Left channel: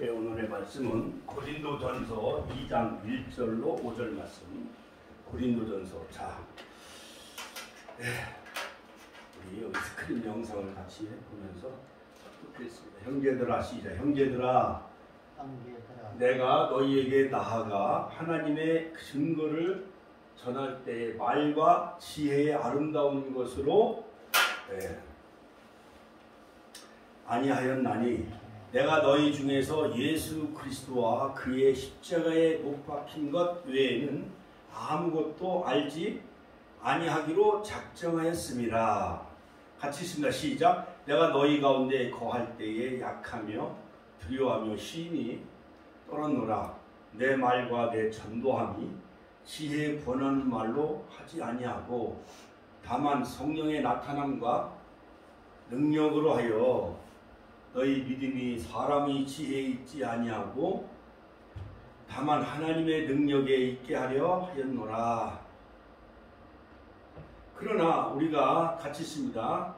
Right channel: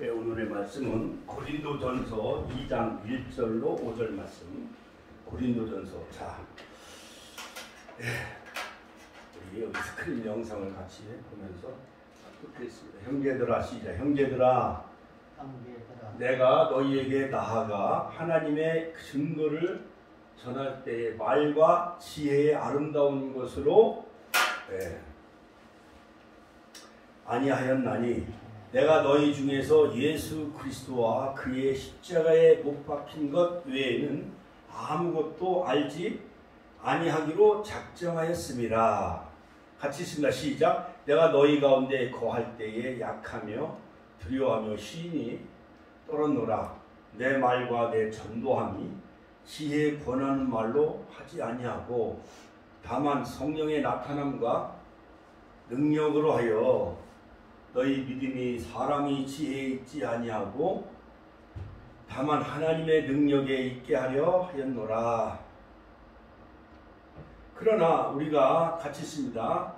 네, 오늘의 말씀은 고린도전서 2장 1절로 5절 말씀. 고린도전서. 자, 우리 여기 스크린 영상을 같이 보면서 듣겠습니다. 형제들아, 시작. 형제들아, 내가 너희에게 나아가 하나님의 증거를 전할 때의 말과 지혜의 아름다운 것으로 아니하였나니 내가 너희 중에서 예수 그리스도와 그의 십자가에 못 박힌 것 외에는 아무것도 알지 아니하기로 작정하였습니다. 같이 읽습니다. 시작. 내가 너희 가운데 거할 때에 약하며 두려워하며 심히 떨었노라. 내 말과 내 전도함이 지혜에 번하는 말로 하지 아니하고 다만 성령의 나타남과 능력으로 하여 너희 믿음이 사람이 지혜에 있지 아니하고 다만 하나님의 능력에 있게 하려 하였노라. 그러나 우리가 같이 있습니다.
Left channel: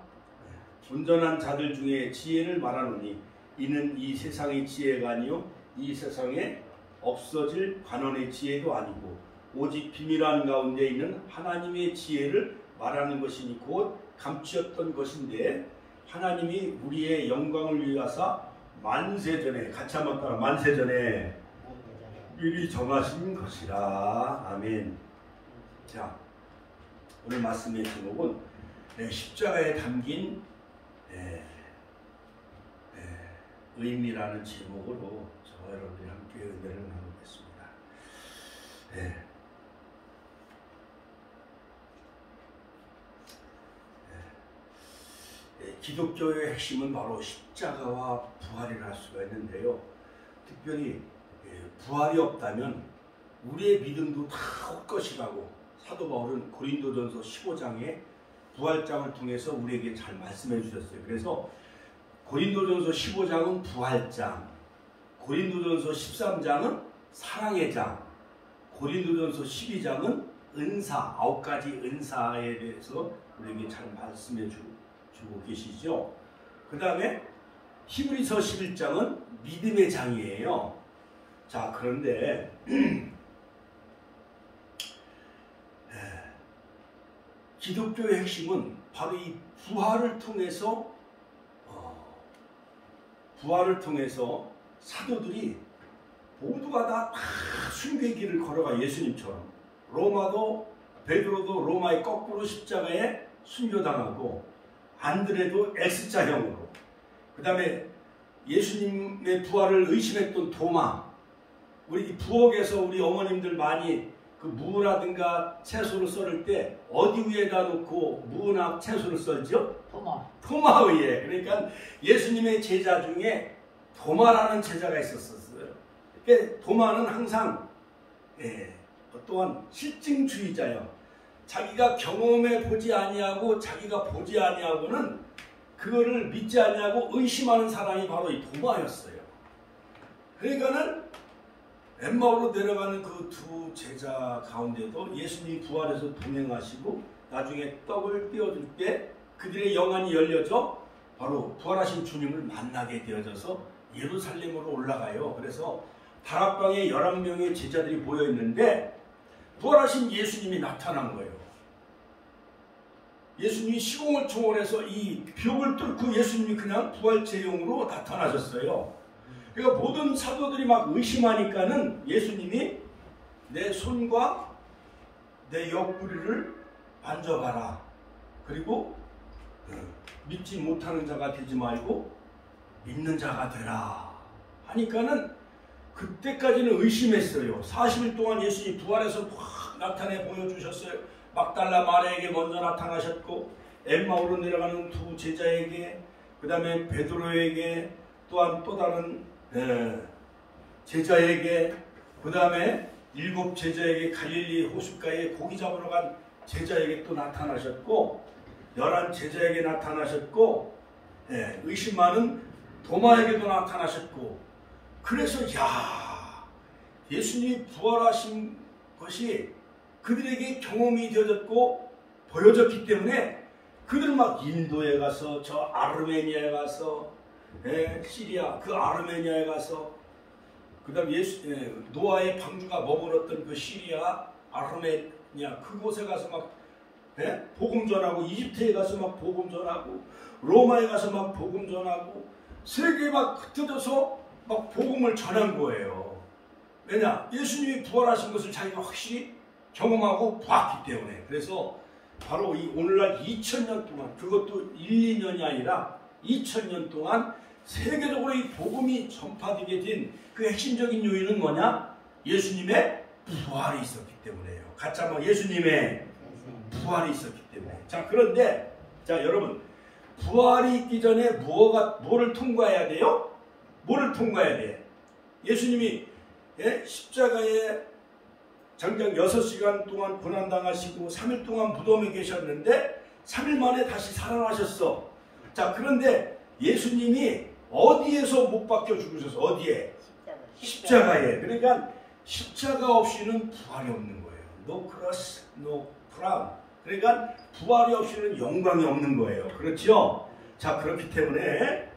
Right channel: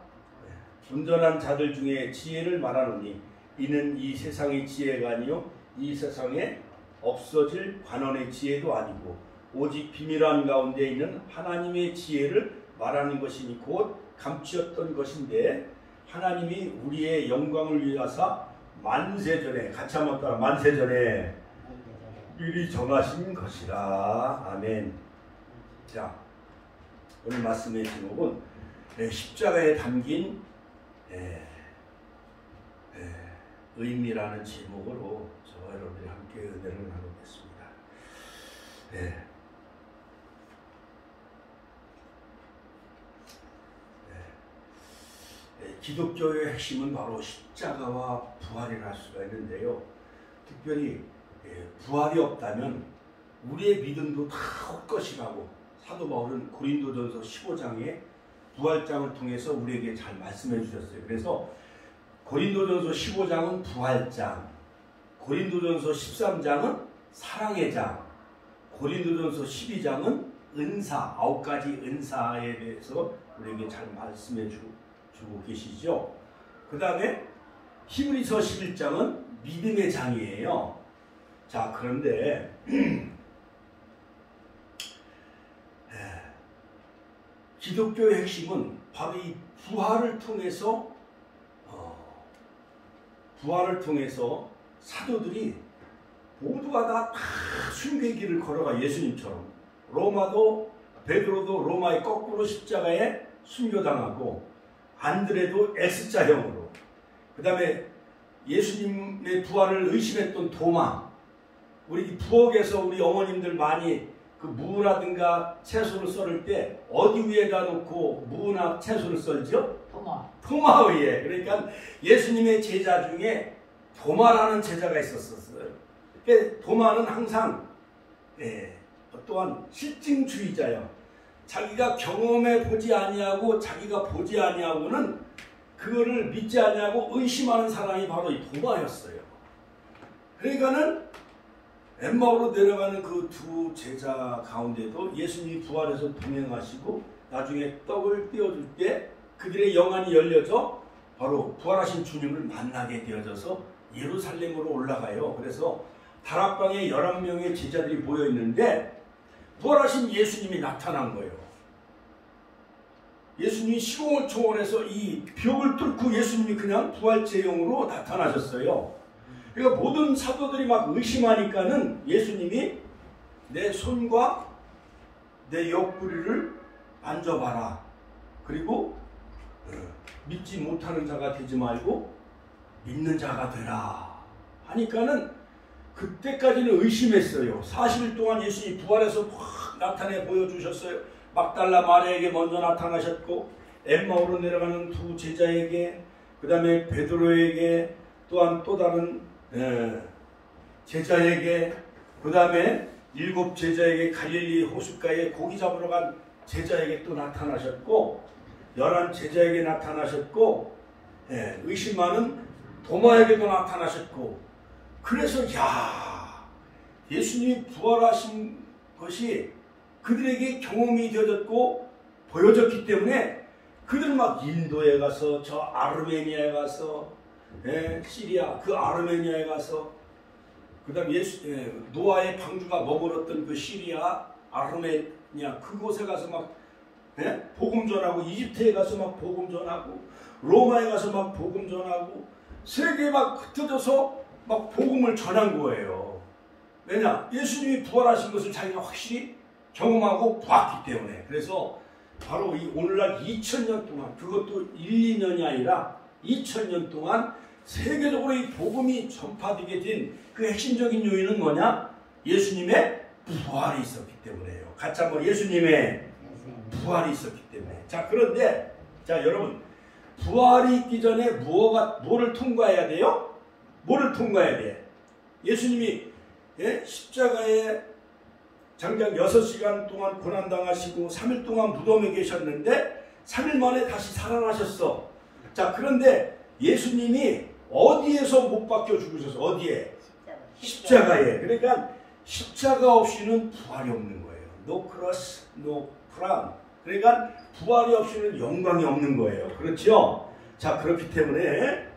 온전한 자들 중에 지혜를 말하노니 이는 이 세상의 지혜가 아니요 이 세상에 없어질 관원의 지혜도 아니고 오직 비밀한 가운데 있는 하나님의 지혜를 말하는 것이니 곧 감추었던 것인데 하나님이 우리의 영광을 위하사 만세전에, 같이 한번 따라, 만세전에 미리 정하신 것이라. 아멘. 자, 오늘 말씀의 제목은 십자가에 담긴 의미라는 제목으로 저와 여러분들이 함께 은혜를 나누겠습니다. 기독교의 핵심은 바로 십자가와 부활이라 할 수가 있는데요. 특별히 부활이 없다면 우리의 믿음도 다 헛것이라고 사도 바울은 고린도전서 15장에 부활장을 통해서 우리에게 잘 말씀해 주셨어요. 그래서 고린도전서 15장은 부활장, 고린도전서 13장은 사랑의 장, 고린도전서 12장은 은사, 9가지 은사에 대해서 우리에게 잘 말씀해 주고 계시죠. 그 다음에 히브리서 11장은 믿음의 장이에요. 자, 그런데 기독교의 핵심은 바로 이 부활을 통해서 사도들이 모두가 다 순교의 길을 걸어가. 예수님처럼 베드로도 로마의 거꾸로 십자가에 순교당하고 안드레도 S자형으로, 그 다음에 예수님의 부활을 의심했던 도마, 우리 부엌에서 우리 어머님들 많이 그 무라든가 채소를 썰을 때 어디 위에다 놓고 무나 채소를 썰죠? 도마 위에. 그러니까 예수님의 제자 중에 도마라는 제자가 있었어요. 그러니까 도마는 항상 또한 실증주의자예요. 자기가 경험해 보지 아니하고 자기가 보지 아니하고는 그거를 믿지 아니하고 의심하는 사람이 바로 이 도마였어요. 그러니까는 엠마오로 내려가는 그 두 제자 가운데도 예수님이 부활해서 동행하시고 나중에 떡을 떼어줄 때 그들의 영안이 열려져 바로 부활하신 주님을 만나게 되어져서 예루살렘으로 올라가요. 그래서 다락방에 11명의 제자들이 모여 있는데 부활하신 예수님이 나타난 거예요. 예수님이 시공을 초월해서 이 벽을 뚫고 예수님이 그냥 부활제형으로 나타나셨어요. 그러니까 모든 사도들이 막 의심하니까는 예수님이 내 손과 내 옆구리를 만져봐라. 그리고 믿지 못하는 자가 되지 말고 믿는 자가 되라 하니까는 그때까지는 의심했어요. 40일 동안 예수님이 부활해서 확 나타내 보여주셨어요. 막달라 마리아에게 먼저 나타나셨고 엠마오로 내려가는 두 제자에게, 그 다음에 베드로에게, 또한 또 다른 제자에게, 그 다음에 7 제자에게, 갈릴리 호숫가에 고기 잡으러 간 제자에게 또 나타나셨고 11 제자에게 나타나셨고 의심 많은 도마에게도 나타나셨고, 그래서 예수님이 부활하신 것이 그들에게 경험이 되어졌고 보여졌기 때문에 그들은 막 인도에 가서 저 아르메니아에 가서 시리아 그 아르메니아에 가서 그 다음에 노아의 방주가 머물었던 그 시리아 아르메니아 그곳에 가서 막 복음 전하고, 이집트에 가서 막 복음 전하고, 로마에 가서 막 복음 전하고, 세계에 막 흩어져서 막 복음을 전한 거예요. 왜냐? 예수님이 부활하신 것을 자기가 확실히 경험하고 봤기 때문에. 그래서 바로 이 오늘날 2000년 동안, 그것도 1, 2년이 아니라 2000년 동안 세계적으로 이 복음이 전파되게 된 그 핵심적인 요인은 뭐냐? 예수님의 부활이 있었기 때문에요. 같이 한번 예수님의 부활이 있었기 때문에. 자, 그런데 자, 여러분, 부활이 있기 전에 뭐를 통과해야 돼요? 뭐를 통과해야 돼? 예수님이 십자가에 장장 6시간 동안 고난당하시고 3일 동안 무덤에 계셨는데 3일 만에 다시 살아나셨어. 자, 그런데 예수님이 어디에서 못 박혀 죽으셔서 어디에? 십자가에. 그러니까 십자가 없이는 부활이 없는 거예요. No cross, no crown. 그러니까 부활이 없이는 영광이 없는 거예요. 그렇죠? 자, 그렇기 때문에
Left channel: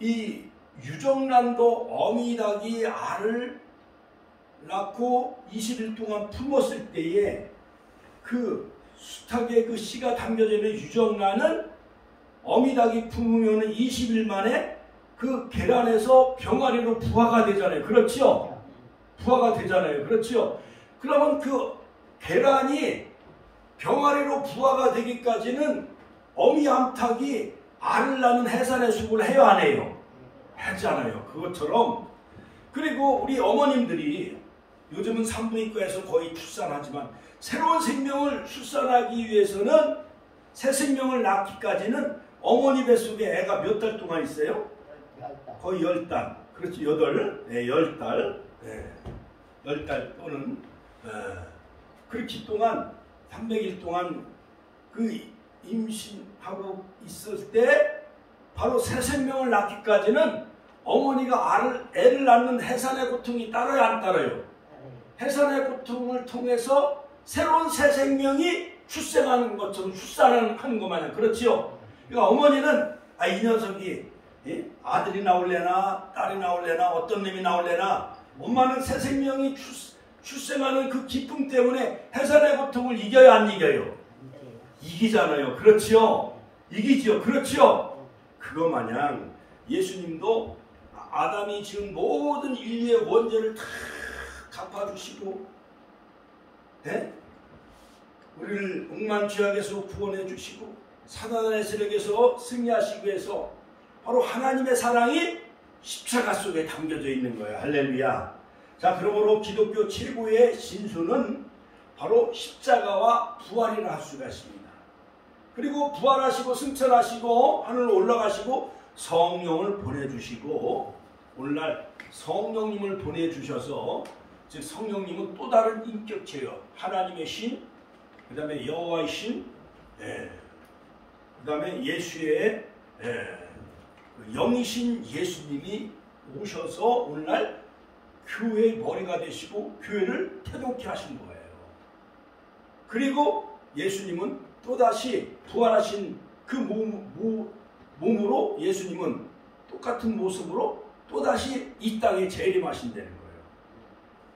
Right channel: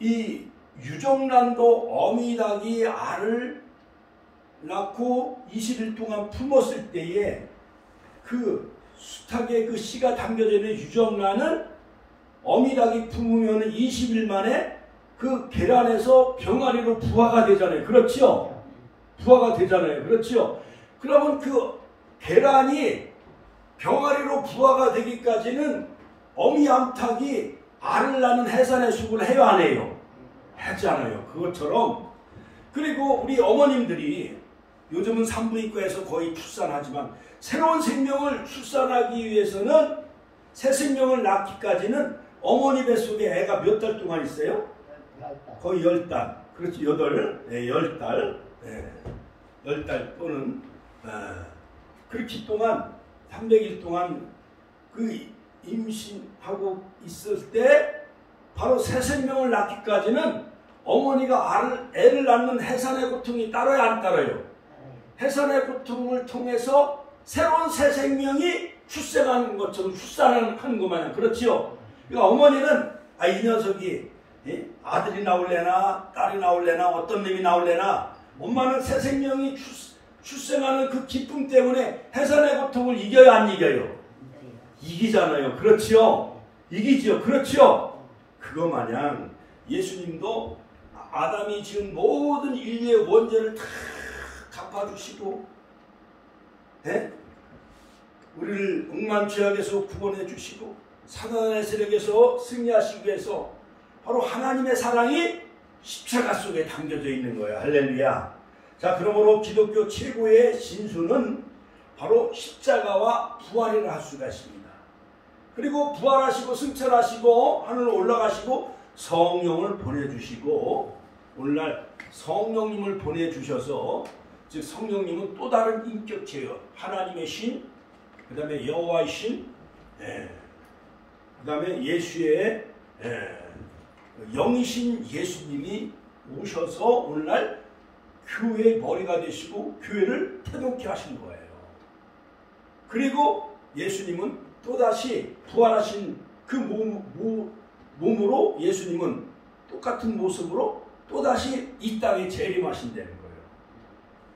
이 유정란도 어미닭이 알을 낳고 20일 동안 품었을 때에 그 수탉에 그 씨가 담겨져 있는 유정란을 어미닭이 품으면 20일 만에 그 계란에서 병아리로 부화가 되잖아요. 그렇죠? 부화가 되잖아요. 그렇죠? 그러면 그 계란이 병아리로 부화가 되기까지는 어미 암탉이 알을 낳는 해산의 수고를 해요, 안 해요? 하잖아요. 그것처럼. 그리고 우리 어머님들이 요즘은 산부인과에서 거의 출산하지만 새로운 생명을 출산하기 위해서는 새 생명을 낳기까지는 어머니 뱃속에 애가 몇 달 동안 있어요? 거의 10달. 그렇지, 10달. 10달 또는 그렇기 동안 300일 동안 그 임신하고 있을 때 바로 새 생명을 낳기까지는 어머니가 애를 낳는 해산의 고통이 따라야 안 따라요? 해산의 고통을 통해서 새로운 새 생명이 출생하는 것처럼 출산하는 것 마냥. 그렇지요? 그러니까 어머니는 이 녀석이 아들이 나올래나 딸이 나올래나 어떤 놈이 나올래나 엄마는 새 생명이 출생하는 그 기쁨 때문에 해산의 고통을 이겨요, 안 이겨요? 이기잖아요. 그렇지요? 이기지요. 그렇지요? 그거 마냥 예수님도 아담이 지은 모든 인류의 원죄를 다 갚아주시고 우리를 억만 죄악에서 구원해 주시고 사단의 세력에서 승리하시기 위해서 바로 하나님의 사랑이 십자가 속에 담겨져 있는 거예요. 할렐루야. 자, 그러므로 기독교 최고의 진수는 바로 십자가와 부활이라 할 수가 있습니다. 그리고 부활하시고 승천하시고 하늘로 올라가시고 성령을 보내주시고, 오늘날 성령님을 보내주셔서, 즉 성령님은 또 다른 인격체예요. 하나님의 신, 그 다음에 여호와의 신, 그 다음에 예수의 영이신 예수님이 오셔서 오늘날 교회의 머리가 되시고 교회를 태동케 하신 거예요. 그리고 예수님은 또다시 부활하신 그 몸으로 예수님은 똑같은 모습으로 또다시 이 땅에 재림하신다는 거예요.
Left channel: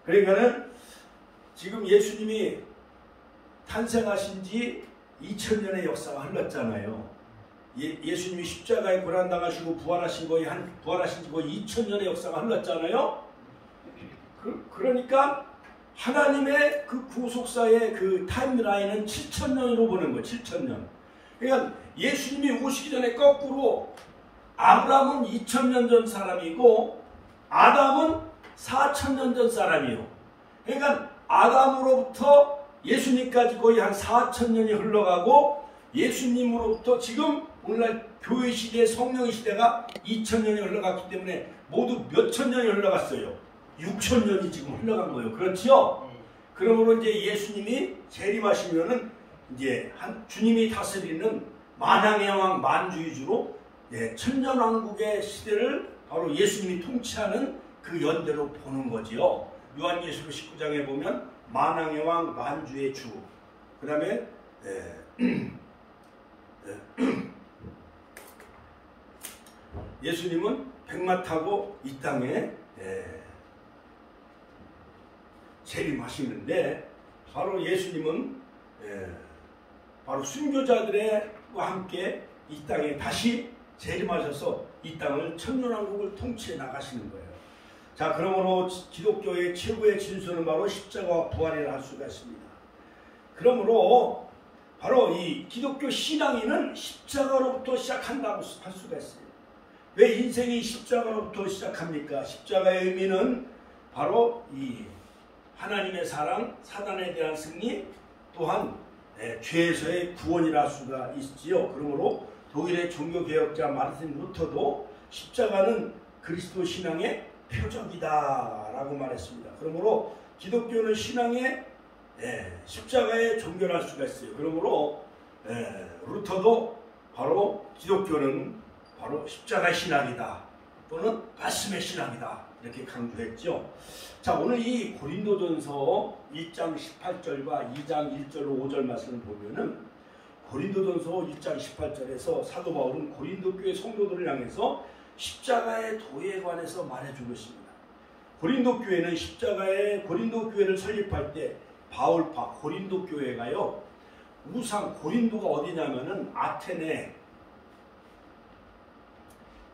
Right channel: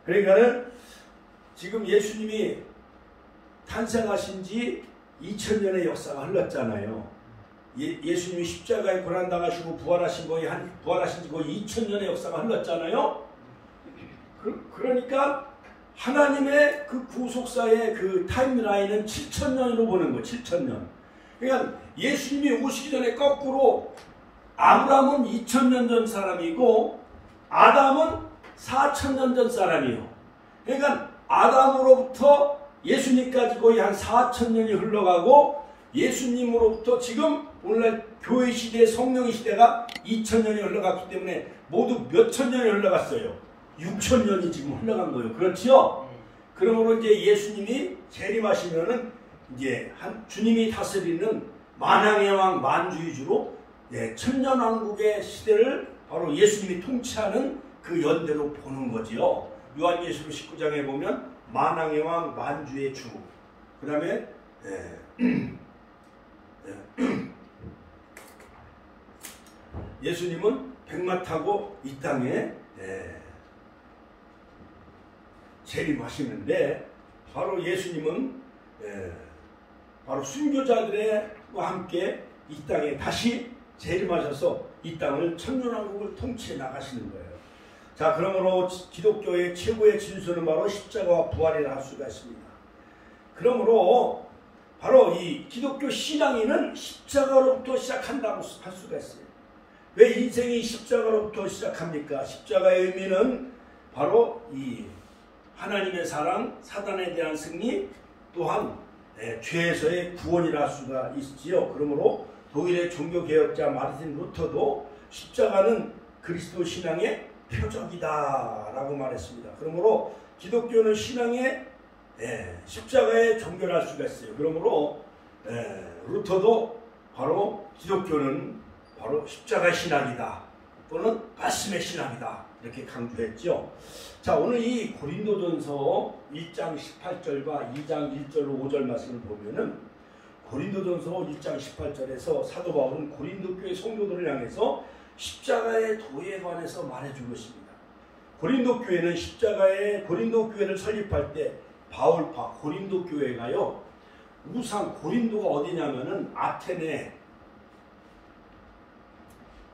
그러니까는 지금 예수님이 탄생하신 지 2000년의 역사가 흘렀잖아요. 예수님이 십자가에 고난당하시고 부활하신 지 거의 2000년의 역사가 흘렀잖아요. 그러니까 하나님의 그 구속사의 그 타임라인은 7000년으로 보는 거예요. 7000년. 그러니까 예수님이 오시기 전에 거꾸로 아브라함은 2000년 전 사람이고 아담은 4000년 전 사람이에요. 그러니까 아담으로부터 예수님까지 거의 한 4000년이 흘러가고, 예수님으로부터 지금 오늘날 교회 시대, 성령의 시대가 2000년이 흘러갔기 때문에 모두 몇천 년이 흘러갔어요. 6000년이 지금 흘러간 거예요. 그렇지요? 그러므로 이제 예수님이 재림하시면은 이제 주님이 다스리는 만왕의 왕 만주의주로 천년왕국의 시대를 바로 예수님이 통치하는 그 연대로 보는 거지요. 요한계시록 19장에 보면 만왕의 왕 만주의 주, 그 다음에 예수님은 백마 타고 이 땅에 재림하시는데 바로 예수님은 바로 순교자들과 함께 이 땅에 다시 재림하셔서 이 땅을 천년왕국을 통치해 나가시는 거예요. 자, 그러므로 기독교의 최고의 진수는 바로 십자가와 부활이라 할 수가 있습니다. 그러므로 바로 이 기독교 신앙인은 십자가로부터 시작한다고 할 수가 있어요. 왜 인생이 십자가로부터 시작합니까? 십자가의 의미는 바로 이 하나님의 사랑, 사단에 대한 승리, 또한 죄에서의 구원이라 할 수가 있지요. 그러므로 독일의 종교개혁자 마르틴 루터도 십자가는 그리스도 신앙의 표적이다 라고 말했습니다. 그러므로 기독교는 신앙의 십자가의 종교를 할 수가 있어요. 그러므로 루터도 바로 기독교는 바로 십자가 신학이다 또는 말씀의 신학이다 이렇게 강조했죠. 자, 오늘 이 고린도전서 1장 18절과 2장 1절 5절 말씀을 보면은 고린도전서 1장 18절에서 사도 바울은 고린도 교회 성도들을 향해서 십자가의 도에 관해서 말해주고 있습니다. 고린도 교회는 고린도 교회를 설립할 때 바울파 고린도 교회가요, 우상 고린도가 어디냐면은 아테네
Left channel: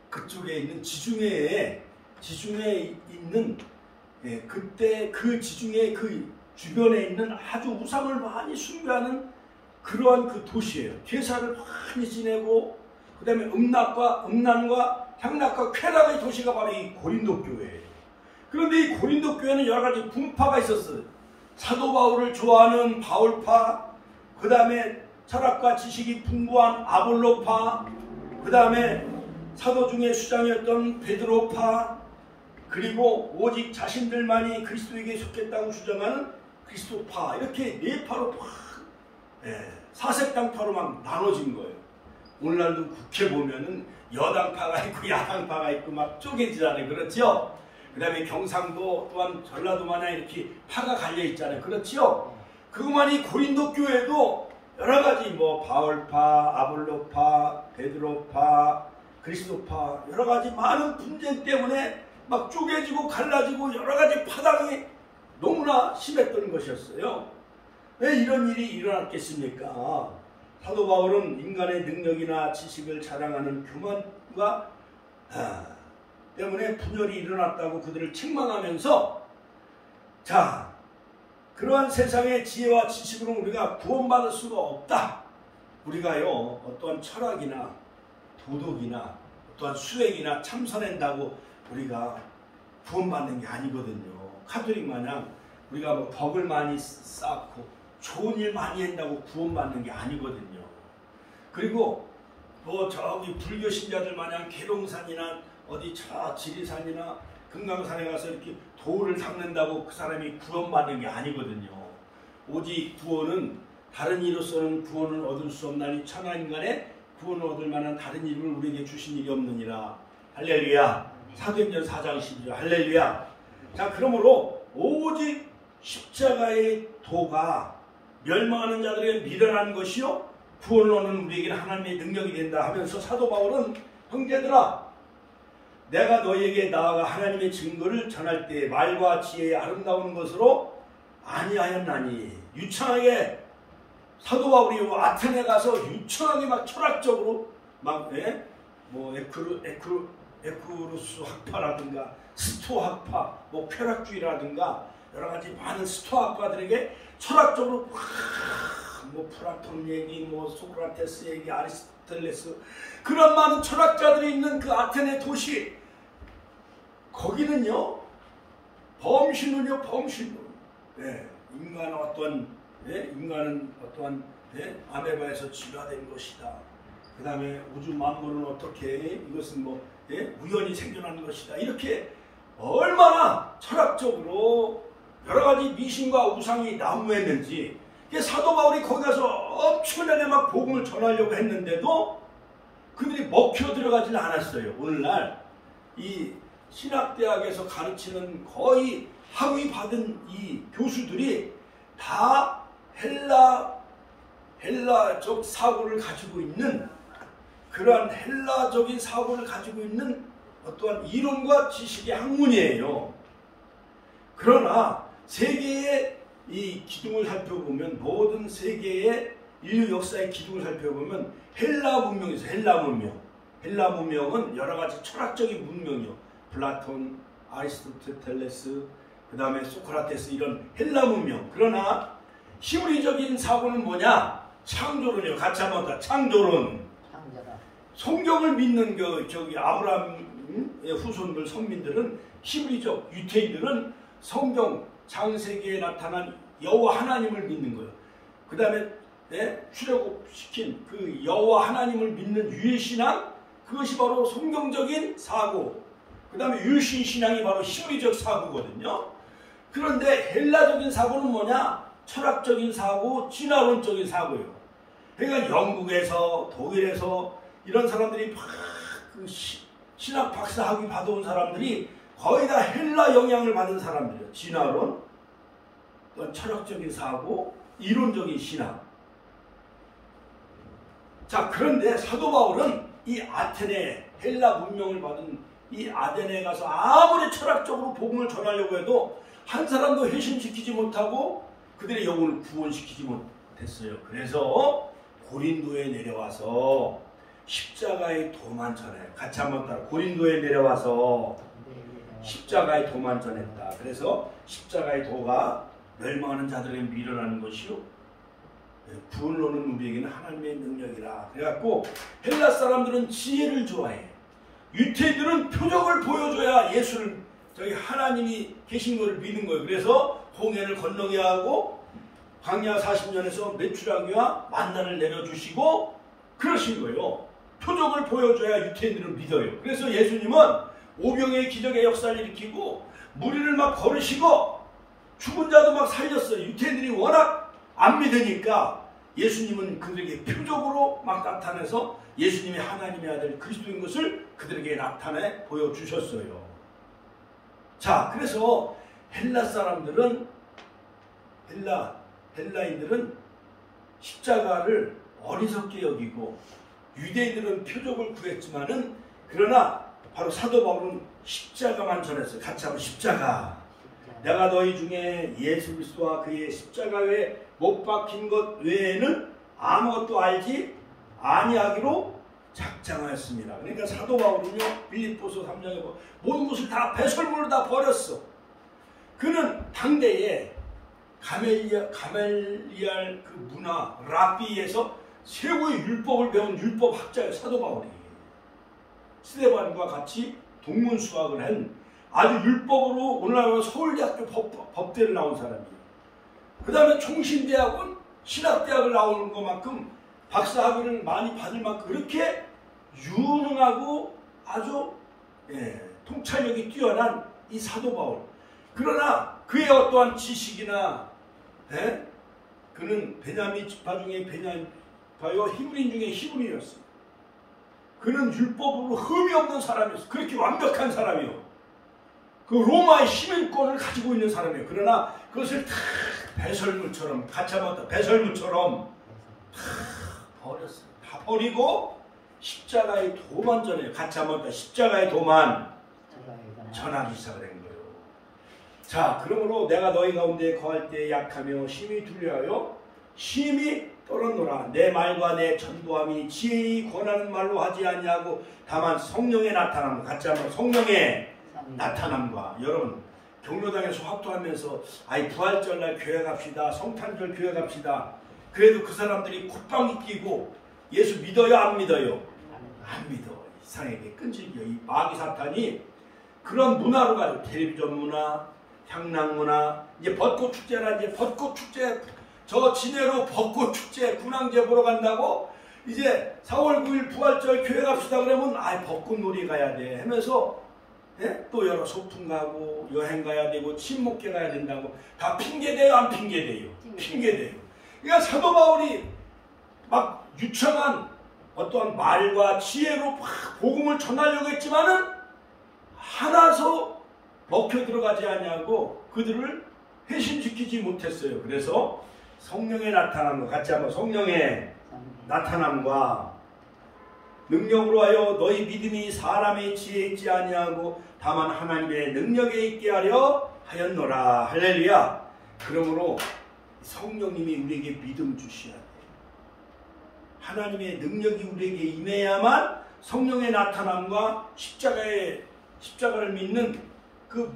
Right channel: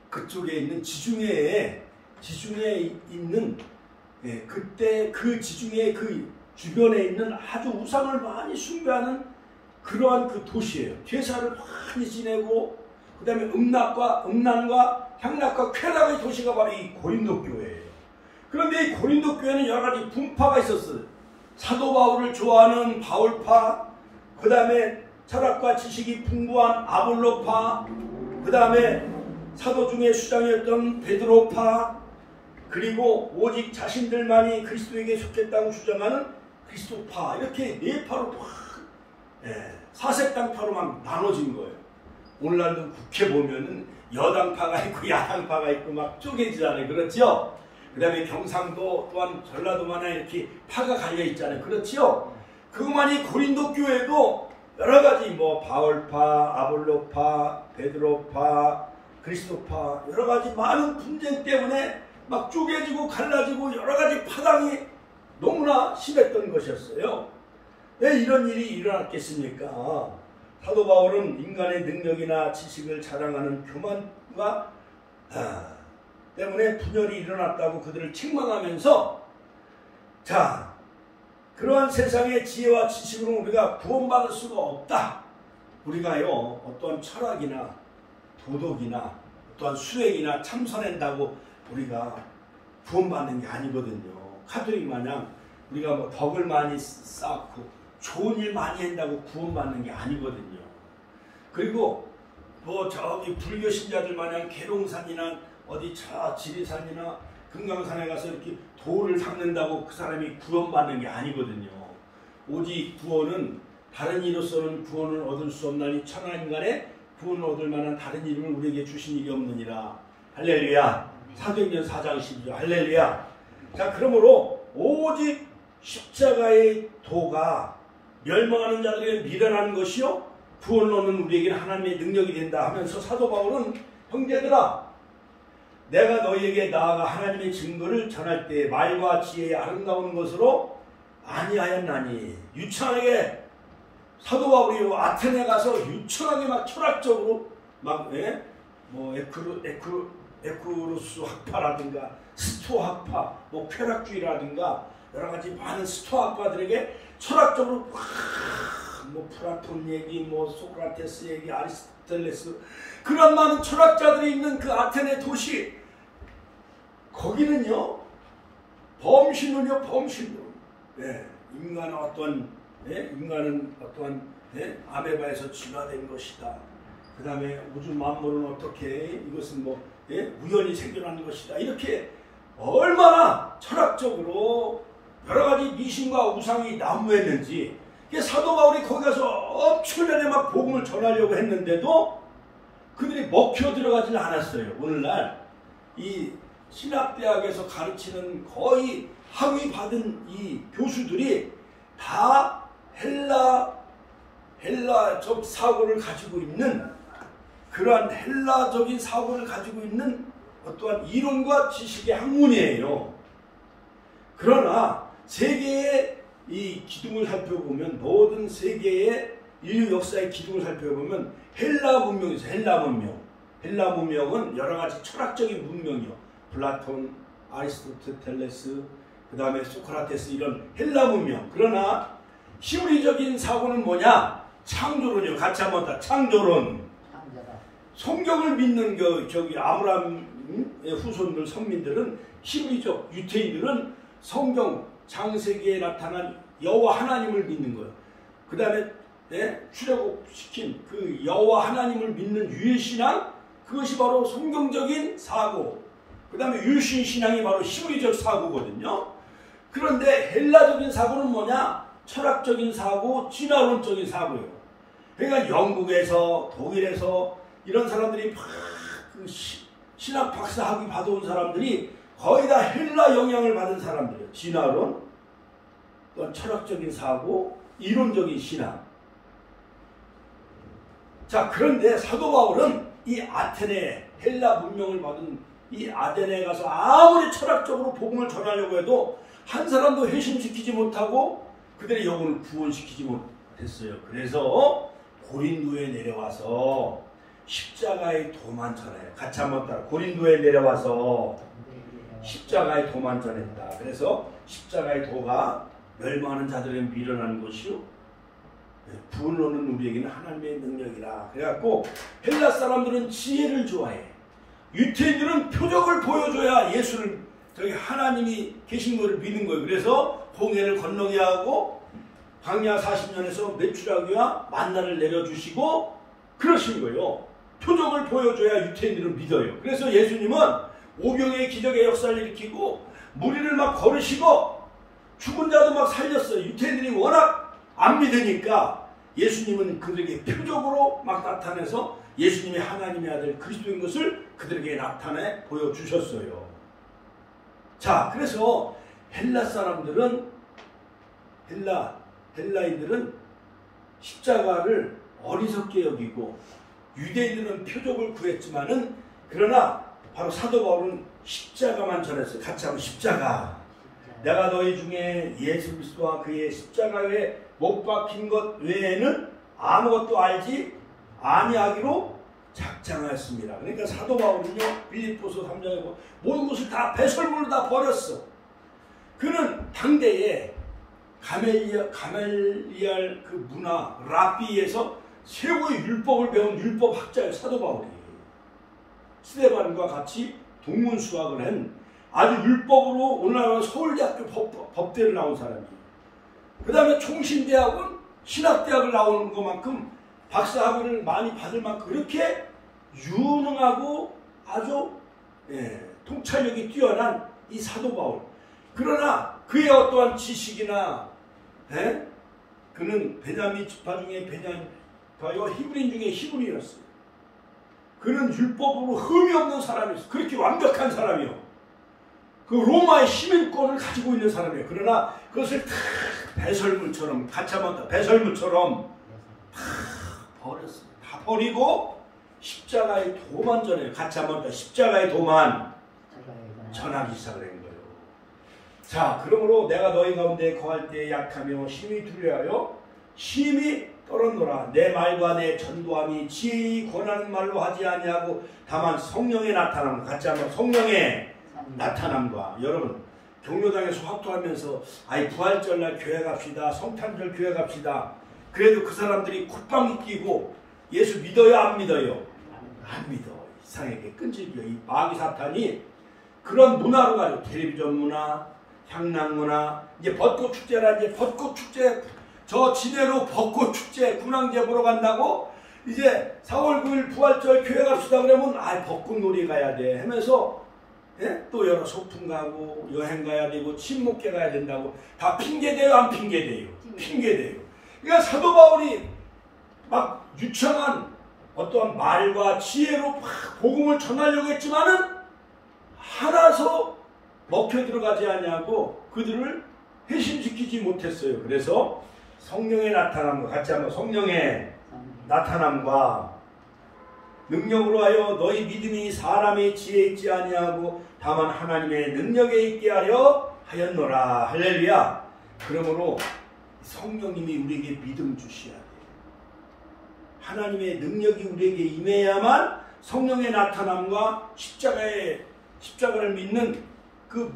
그쪽에 있는 지중해에 있는 그때 그 지중해 그 주변에 있는 아주 우상을 많이 숭배하는 그러한 그 도시예요. 제사를 많이 지내고 그 다음에 음란과 향락과 쾌락의 도시가 바로 이 고린도 교회예요. 그런데 이 고린도 교회는 여러 가지 분파가 있었어요. 사도 바울을 좋아하는 바울파, 그 다음에 철학과 지식이 풍부한 아볼로파, 그 다음에 사도 중에 수장이었던 베드로파, 그리고 오직 자신들만이 그리스도에게 속했다고 주장하는 그리스도파, 이렇게 네 파로 사색당파로 막 나눠진 거예요. 오늘날도 국회 보면은 여당파가 있고 야당파가 있고 막 쪼개지잖아요. 그렇죠? 그 다음에 경상도 또한 전라도 마냥 이렇게 파가 갈려 있잖아요. 그렇죠? 그것만이 고린도 교회도 여러 가지 뭐 바울파, 아볼로파, 베드로파, 그리스도파 여러 가지 많은 분쟁 때문에 막 쪼개지고 갈라지고 여러 가지 파당이 너무나 심했던 것이었어요. 왜 이런 일이 일어났겠습니까? 사도 바울은 인간의 능력이나 지식을 자랑하는 교만과 때문에 분열이 일어났다고 그들을 책망하면서, 자, 그러한 세상의 지혜와 지식으로 우리가 구원받을 수가 없다. 우리가요, 어떤 철학이나 도덕이나 어떠한 수행이나 참선한다고 우리가 구원받는 게 아니거든요. 카톨릭 마냥 우리가 뭐 덕을 많이 쌓고 좋은 일 많이 한다고 구원받는 게 아니거든요. 그리고 뭐 저기 불교 신자들 마냥 계룡산이나 어디 저 지리산이나 금강산에 가서 이렇게 돌을 닦는다고 그 사람이 구원받는 게 아니거든요. 오직 구원은 다른 이로서는 구원을 얻을 수 없나니 천하인간의 구원을 얻을 만한 다른 이름을 우리에게 주신 일이 없느니라. 할렐루야. 사도행전 4장 12절 할렐루야. 자, 그러므로 오직 십자가의 도가 멸망하는 자들에게 미련한 것이요 구원을 얻는 우리에게 하나님의 능력이 된다 하면서 사도 바울은 형제들아, 내가 너희에게 나아가 하나님의 증거를 전할 때 말과 지혜의 아름다운 것으로 아니하였나니. 유창하게 사도 바울이 아테네 가서 유창하게 막 철학적으로 막 뭐 에쿠루스 학파라든가 스토학파, 뭐 쾌락주의라든가 여러 가지 많은 스토학파들에게 철학적으로 뭐 플라톤 얘기, 뭐 소크라테스 얘기, 아리스토텔레스 그런 많은 철학자들이 있는 그 아테네 도시, 거기는요 범신론이요, 범신론. 인간은 어떠한 아메바에서 진화된 것이다. 그 다음에 우주 만물은 어떻게 이것은 뭐 우연히 생겨난 것이다. 이렇게 얼마나 철학적으로 여러 가지 미신과 우상이 난무했는지, 사도 바울이 거기 가서 엄청나게 막 복음을 전하려고 했는데도 그들이 먹혀 들어가지는 않았어요. 오늘날 이 신학대학에서 가르치는 거의 학위 받은 이 교수들이 다 헬라적 사고를 가지고 있는 그러한 헬라적인 사고를 가지고 있는 어떠한 이론과 지식의 학문이에요. 그러나 세계의 이 기둥을 살펴보면, 모든 세계의 인류 역사의 기둥을 살펴보면 헬라 문명에서 헬라 문명은 여러 가지 철학적인 문명이요. 플라톤, 아리스토텔레스, 그 다음에 소크라테스, 이런 헬라 문명. 그러나 히브리적인 사고는 뭐냐? 창조론이요. 같이 한번 다 창조론. 성경을 믿는 저기 아브라함의 후손들, 성민들은, 히브리적 유태인들은 성경 창세기에 나타난 여호와 하나님을 믿는 거예요. 그 다음에 출애굽시킨 그 여호와 하나님을 믿는 유해신앙, 그것이 바로 성경적인 사고. 그 다음에 유신신앙이 바로 히브리적 사고거든요. 그런데 헬라적인 사고는 뭐냐? 철학적인 사고, 진화론적인 사고예요. 그러니까 영국에서, 독일에서 이런 사람들이 막 그 신학 박사 학위 받아온 사람들이 거의 다 헬라 영향을 받은 사람들이에요. 진화론, 철학적인 사고, 이론적인 신앙. 자, 그런데 사도 바울은 이 아테네, 헬라 문명을 받은 이 아테네에 가서 아무리 철학적으로 복음을 전하려고 해도 한 사람도 회심시키지 못하고 그들의 영혼을 구원시키지 못했어요. 그래서 고린도에 내려와서 십자가의 도만 전해요. 같이 한번 따라. 고린도에 내려와서 십자가의 도만 전했다. 그래서 십자가의 도가 멸망하는 자들에게 밀어나는 것이요, 구원론은 우리에게는 하나님의 능력이라. 그래갖고 헬라 사람들은 지혜를 좋아해. 유태인들은 표적을 보여줘야 예수를, 저기 하나님이 계신 것을 믿는 거예요. 그래서 홍해를 건너게 하고 광야 40년에서 메추라기와 만나를 내려주시고 그러신 거예요. 표적을 보여줘야 유태인들은 믿어요. 그래서 예수님은 오병의 기적의 역사를 일으키고 무리를 막 걸으시고 죽은 자도 막 살렸어요. 유태인들이 워낙 안 믿으니까 예수님은 그들에게 표적으로 막 나타내서 예수님이 하나님의 아들 그리스도인 것을 그들에게 나타내 보여주셨어요. 자, 그래서 헬라 사람들은, 헬라인들은 십자가를 어리석게 여기고 유대인들은 표적을 구했지만은, 그러나 바로 사도 바울은 십자가만 전했어요. 같이 하면 십자가. 내가 너희 중에 예수 그리스도와 그의 십자가에 못 박힌 것 외에는 아무것도 알지 아니하기로 작정하였습니다. 그러니까 사도 바울은요, 빌립보서 3장에 보면 모든 것을 다 배설물로 다 버렸어. 그는 당대에 가멜리알 그 문화 랍비에서 최고의 율법을 배운 율법 학자예요. 사도 바울이 스데반과 같이 동문수학을 한 아주 율법으로 오늘날 서울대학교 법대를 나온 사람이에요. 그 다음에 총신대학은 신학대학을 나오는 것만큼 박사학위를 많이 받을 만큼 그렇게 유능하고 아주 통찰력이 뛰어난 이 사도 바울. 그러나 그의 어떠한 지식이나 그는 베냐민 지파 중에 베냐민파요, 히브리인 중에 히브리였어요. 그는 율법으로 흠이 없는 사람이었어요. 그렇게 완벽한 사람이요. 그 로마의 시민권을 가지고 있는 사람이에요. 그러나 그것을 다 배설물처럼, 같이 한번 배설물처럼 다 버렸어요. 다 버리고 십자가의 도만 전해요. 같이 한번 십자가의 도만 전하기 시작을 한 거예요. 자, 그러므로 내가 너희 가운데 거할 때 약하며 심히 두려워하여 심히 떨었노라. 내 말과 내 전도함이 지혜히 권하는 말로 하지 아니하고 다만 성령의 나타남. 같이 한번 성령의 나타남과. 여러분 경로당에서 화투하면서 아이 부활절날 교회 갑시다, 성탄절 교회 갑시다. 그래도 그 사람들이 콧방귀 끼고 예수 믿어요 안 믿어요? 안 믿어. 이상하게 끈질겨. 이 마귀 사탄이 그런 문화로 가지고 텔레비전 문화, 향락 문화, 이제 벚꽃 축제라, 이제 벚꽃 축제, 저 진해로 벚꽃 축제 군항제 보러 간다고 이제 4월 9일 부활절 교회 갑시다 그러면 아 벚꽃 놀이 가야 돼 하면서 또 여러 소풍 가고 여행 가야 되고 친목회 가야 된다고 다 핑계대요 안 핑계대요? 핑계대요. 그러니까 사도 바울이 막 유창한 어떠한 말과 지혜로 막 복음을 전하려고 했지만은 하나서 먹혀 들어가지 아니하고 그들을 회심시키지 못했어요. 그래서 성령의 나타남과 같이 한번 성령의 나타남과 능력으로 하여 너희 믿음이 사람의 지혜에 있지 아니하고 다만 하나님의 능력에 있게 하려 하였노라. 할렐루야. 그러므로 성령님이 우리에게 믿음 주셔야 돼. 하나님의 능력이 우리에게 임해야만 성령의 나타남과 십자가를 믿는 그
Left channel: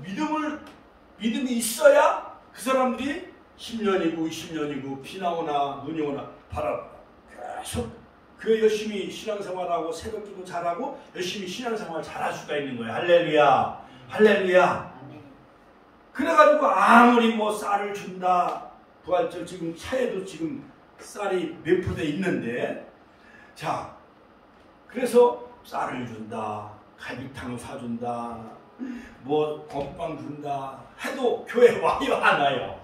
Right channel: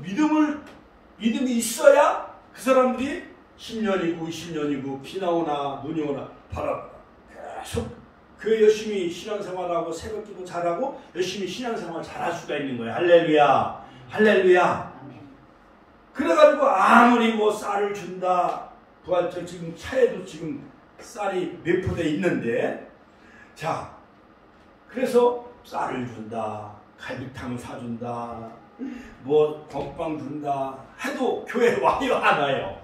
믿음이 있어야 그 사람들이 10년이고 20년이고 비 나오나 눈이 오나 바랍니다. 계속 교회 열심히 신앙생활하고 새벽기도 잘하고 열심히 신앙생활 잘할 수가 있는 거예요. 할렐루야. 할렐루야. 그래가지고 아무리 뭐 쌀을 준다. 부활절 지금 차에도 지금 쌀이 매포돼 있는데, 자, 그래서 쌀을 준다, 갈비탕을 사준다, 뭐 건빵 준다 해도 교회 와요 안 와요?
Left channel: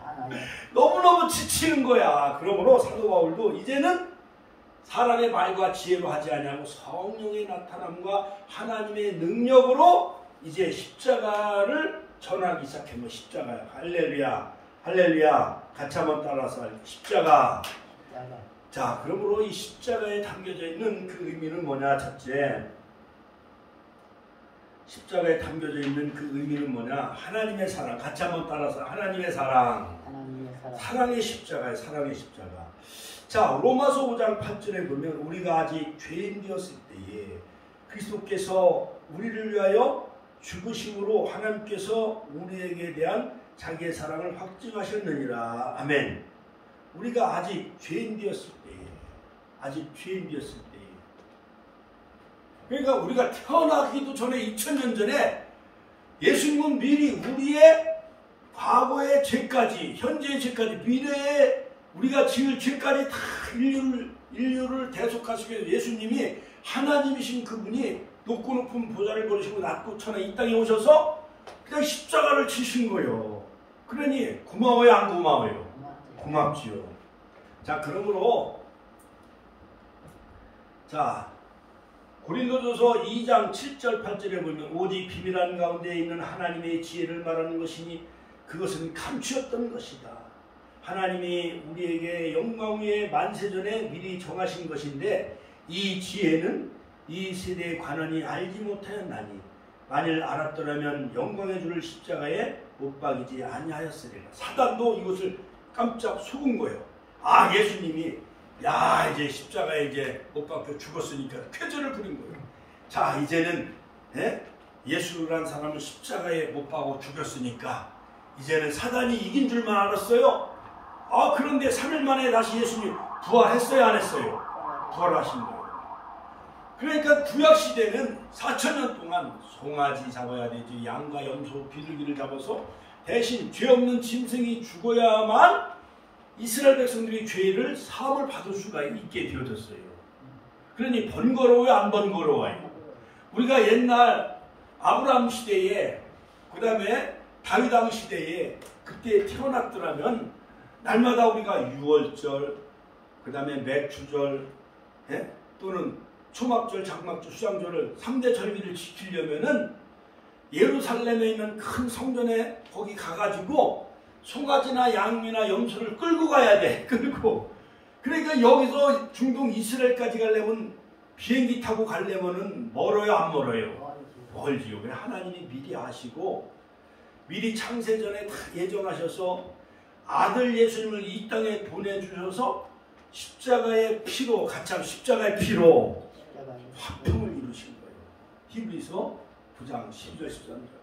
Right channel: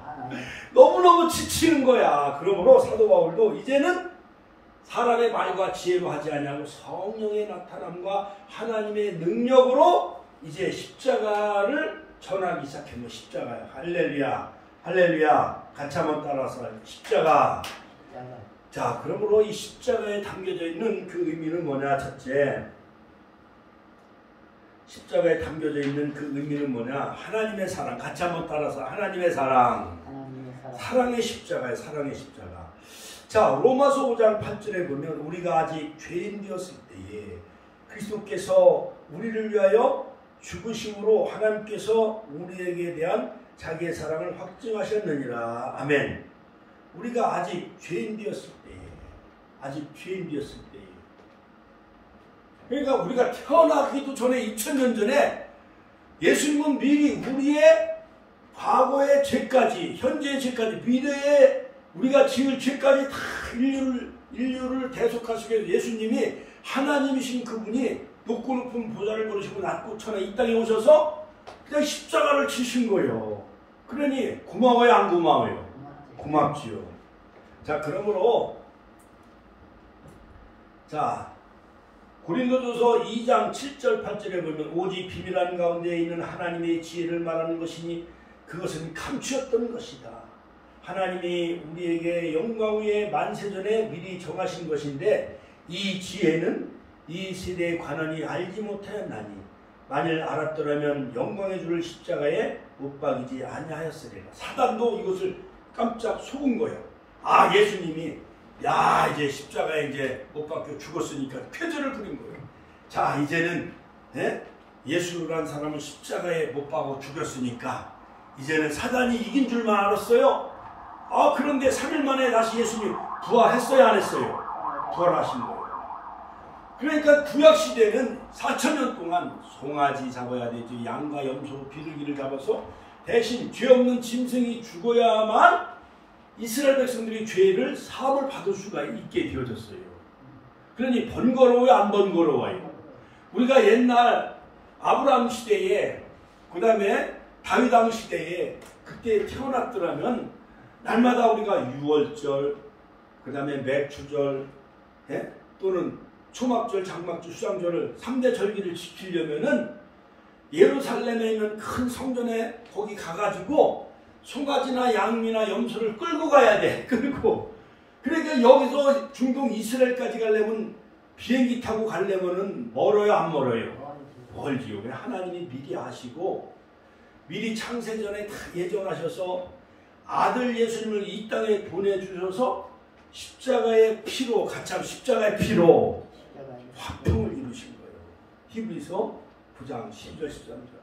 너무너무 지치는 거야. 그러므로 사도 바울도 이제는 사람의 말과 지혜로 하지 아니하고 성령의 나타남과 하나님의 능력으로 이제 십자가를 전하기 시작했노. 십자가야. 할렐루야. 할렐루야. 같이 한번 따라서 십자가. 자, 그러므로 이 십자가에 담겨져 있는 그 의미는 뭐냐? 첫째, 십자가에 담겨져 있는 그 의미는 뭐냐? 하나님의 사랑. 같이 한번 따라서 하나님의 사랑. 사랑의 십자가예요. 사랑의 십자가. 자, 로마서 5장 8절에 보면 우리가 아직 죄인 되었을 때에 그리스도께서 우리를 위하여 죽으심으로 하나님께서 우리에게 대한 자기의 사랑을 확증하셨느니라. 아멘. 우리가 아직 죄인 되었을 때에, 아직 죄인 되었을 때에, 그러니까 우리가 태어나기도 전에 2000년 전에 예수님은 미리 우리의 과거의 죄까지, 현재의 죄까지, 미래의 우리가 지을 죄까지 다 인류를 대속하시기 위해서 예수님이 하나님이신 그분이 높고 높은 보좌를 버리시고 낮고 천하 이 땅에 오셔서 그냥 십자가를 지신 거예요. 그러니 고마워요 안 고마워요? 고맙지요. 자, 그러므로 자, 고린도전서 2장 7절 8절에 보면 오직 비밀한 가운데 있는 하나님의 지혜를 말하는 것이니 그것은 감추었던 것이다. 하나님이 우리에게 영광 위에 만세전에 미리 정하신 것인데 이 지혜는 이 세대의 관원이 알지 못하였나니 만일 알았더라면 영광의 주를 십자가에 못 박이지 아니하였으리라. 사단도 이것을 깜짝 속은 거예요. 아, 예수님이 야 이제 십자가에 이제 못 박혀 죽었으니까 쾌재를 부린 거예요. 자, 이제는 예수라는 사람을 십자가에 못 박아 죽였으니까 이제는 사단이 이긴 줄만 알았어요. 아, 그런데 3일 만에 다시 예수님이 부활했어요 안 했어요? 부활하신 거예요. 그러니까 구약시대는 4000년 동안 송아지 잡아야 되죠. 양과 염소, 비둘기를 잡아서 대신 죄 없는 짐승이 죽어야만 이스라엘 백성들이 죄를 사함을 받을 수가 있게 되어졌어요. 그러니 번거로워요 안 번거로워요? 우리가 옛날 아브라함 시대에 그 다음에 다윗 왕 시대에 그때 태어났더라면 날마다 우리가 유월절 그 다음에 매추절 또는 초막절, 장막절, 수장절을 3대 절기를 지키려면은 예루살렘에 있는 큰 성전에 거기 가가지고 송아지나 양이나 염소를 끌고 가야 돼. 끌고. 그러니까 여기서 중동 이스라엘까지 가려면 비행기 타고 가려면은 멀어요 안 멀어요? 멀지요. 하나님이 미리 아시고 미리 창세전에 다 예정하셔서 아들 예수님을 이 땅에 보내주셔서 십자가의 피로 같이 하면 십자가의 피로 화평을 이루신 거예요. 히브리서 9장 12절 13절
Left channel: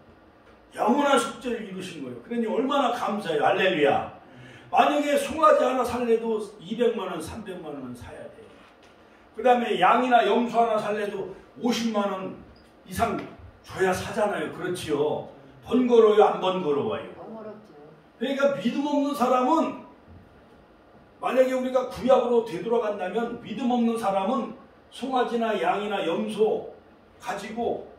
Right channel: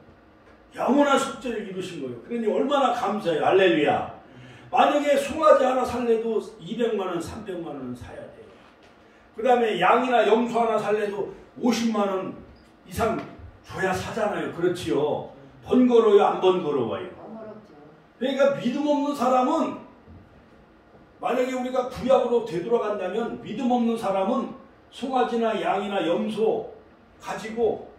영원한 숙제를 이루신 거예요. 그러니 얼마나 감사해요. 할렐루야. 만약에 송아지 하나 살래도 200만 원 300만 원 사야 돼요. 그 다음에 양이나 염소 하나 살래도 50만 원 이상 줘야 사잖아요. 그렇지요. 번거로워요 안 번거로워요? 그러니까 믿음 없는 사람은 만약에 우리가 구약으로 되돌아간다면 믿음 없는 사람은 송아지나 양이나 염소 가지고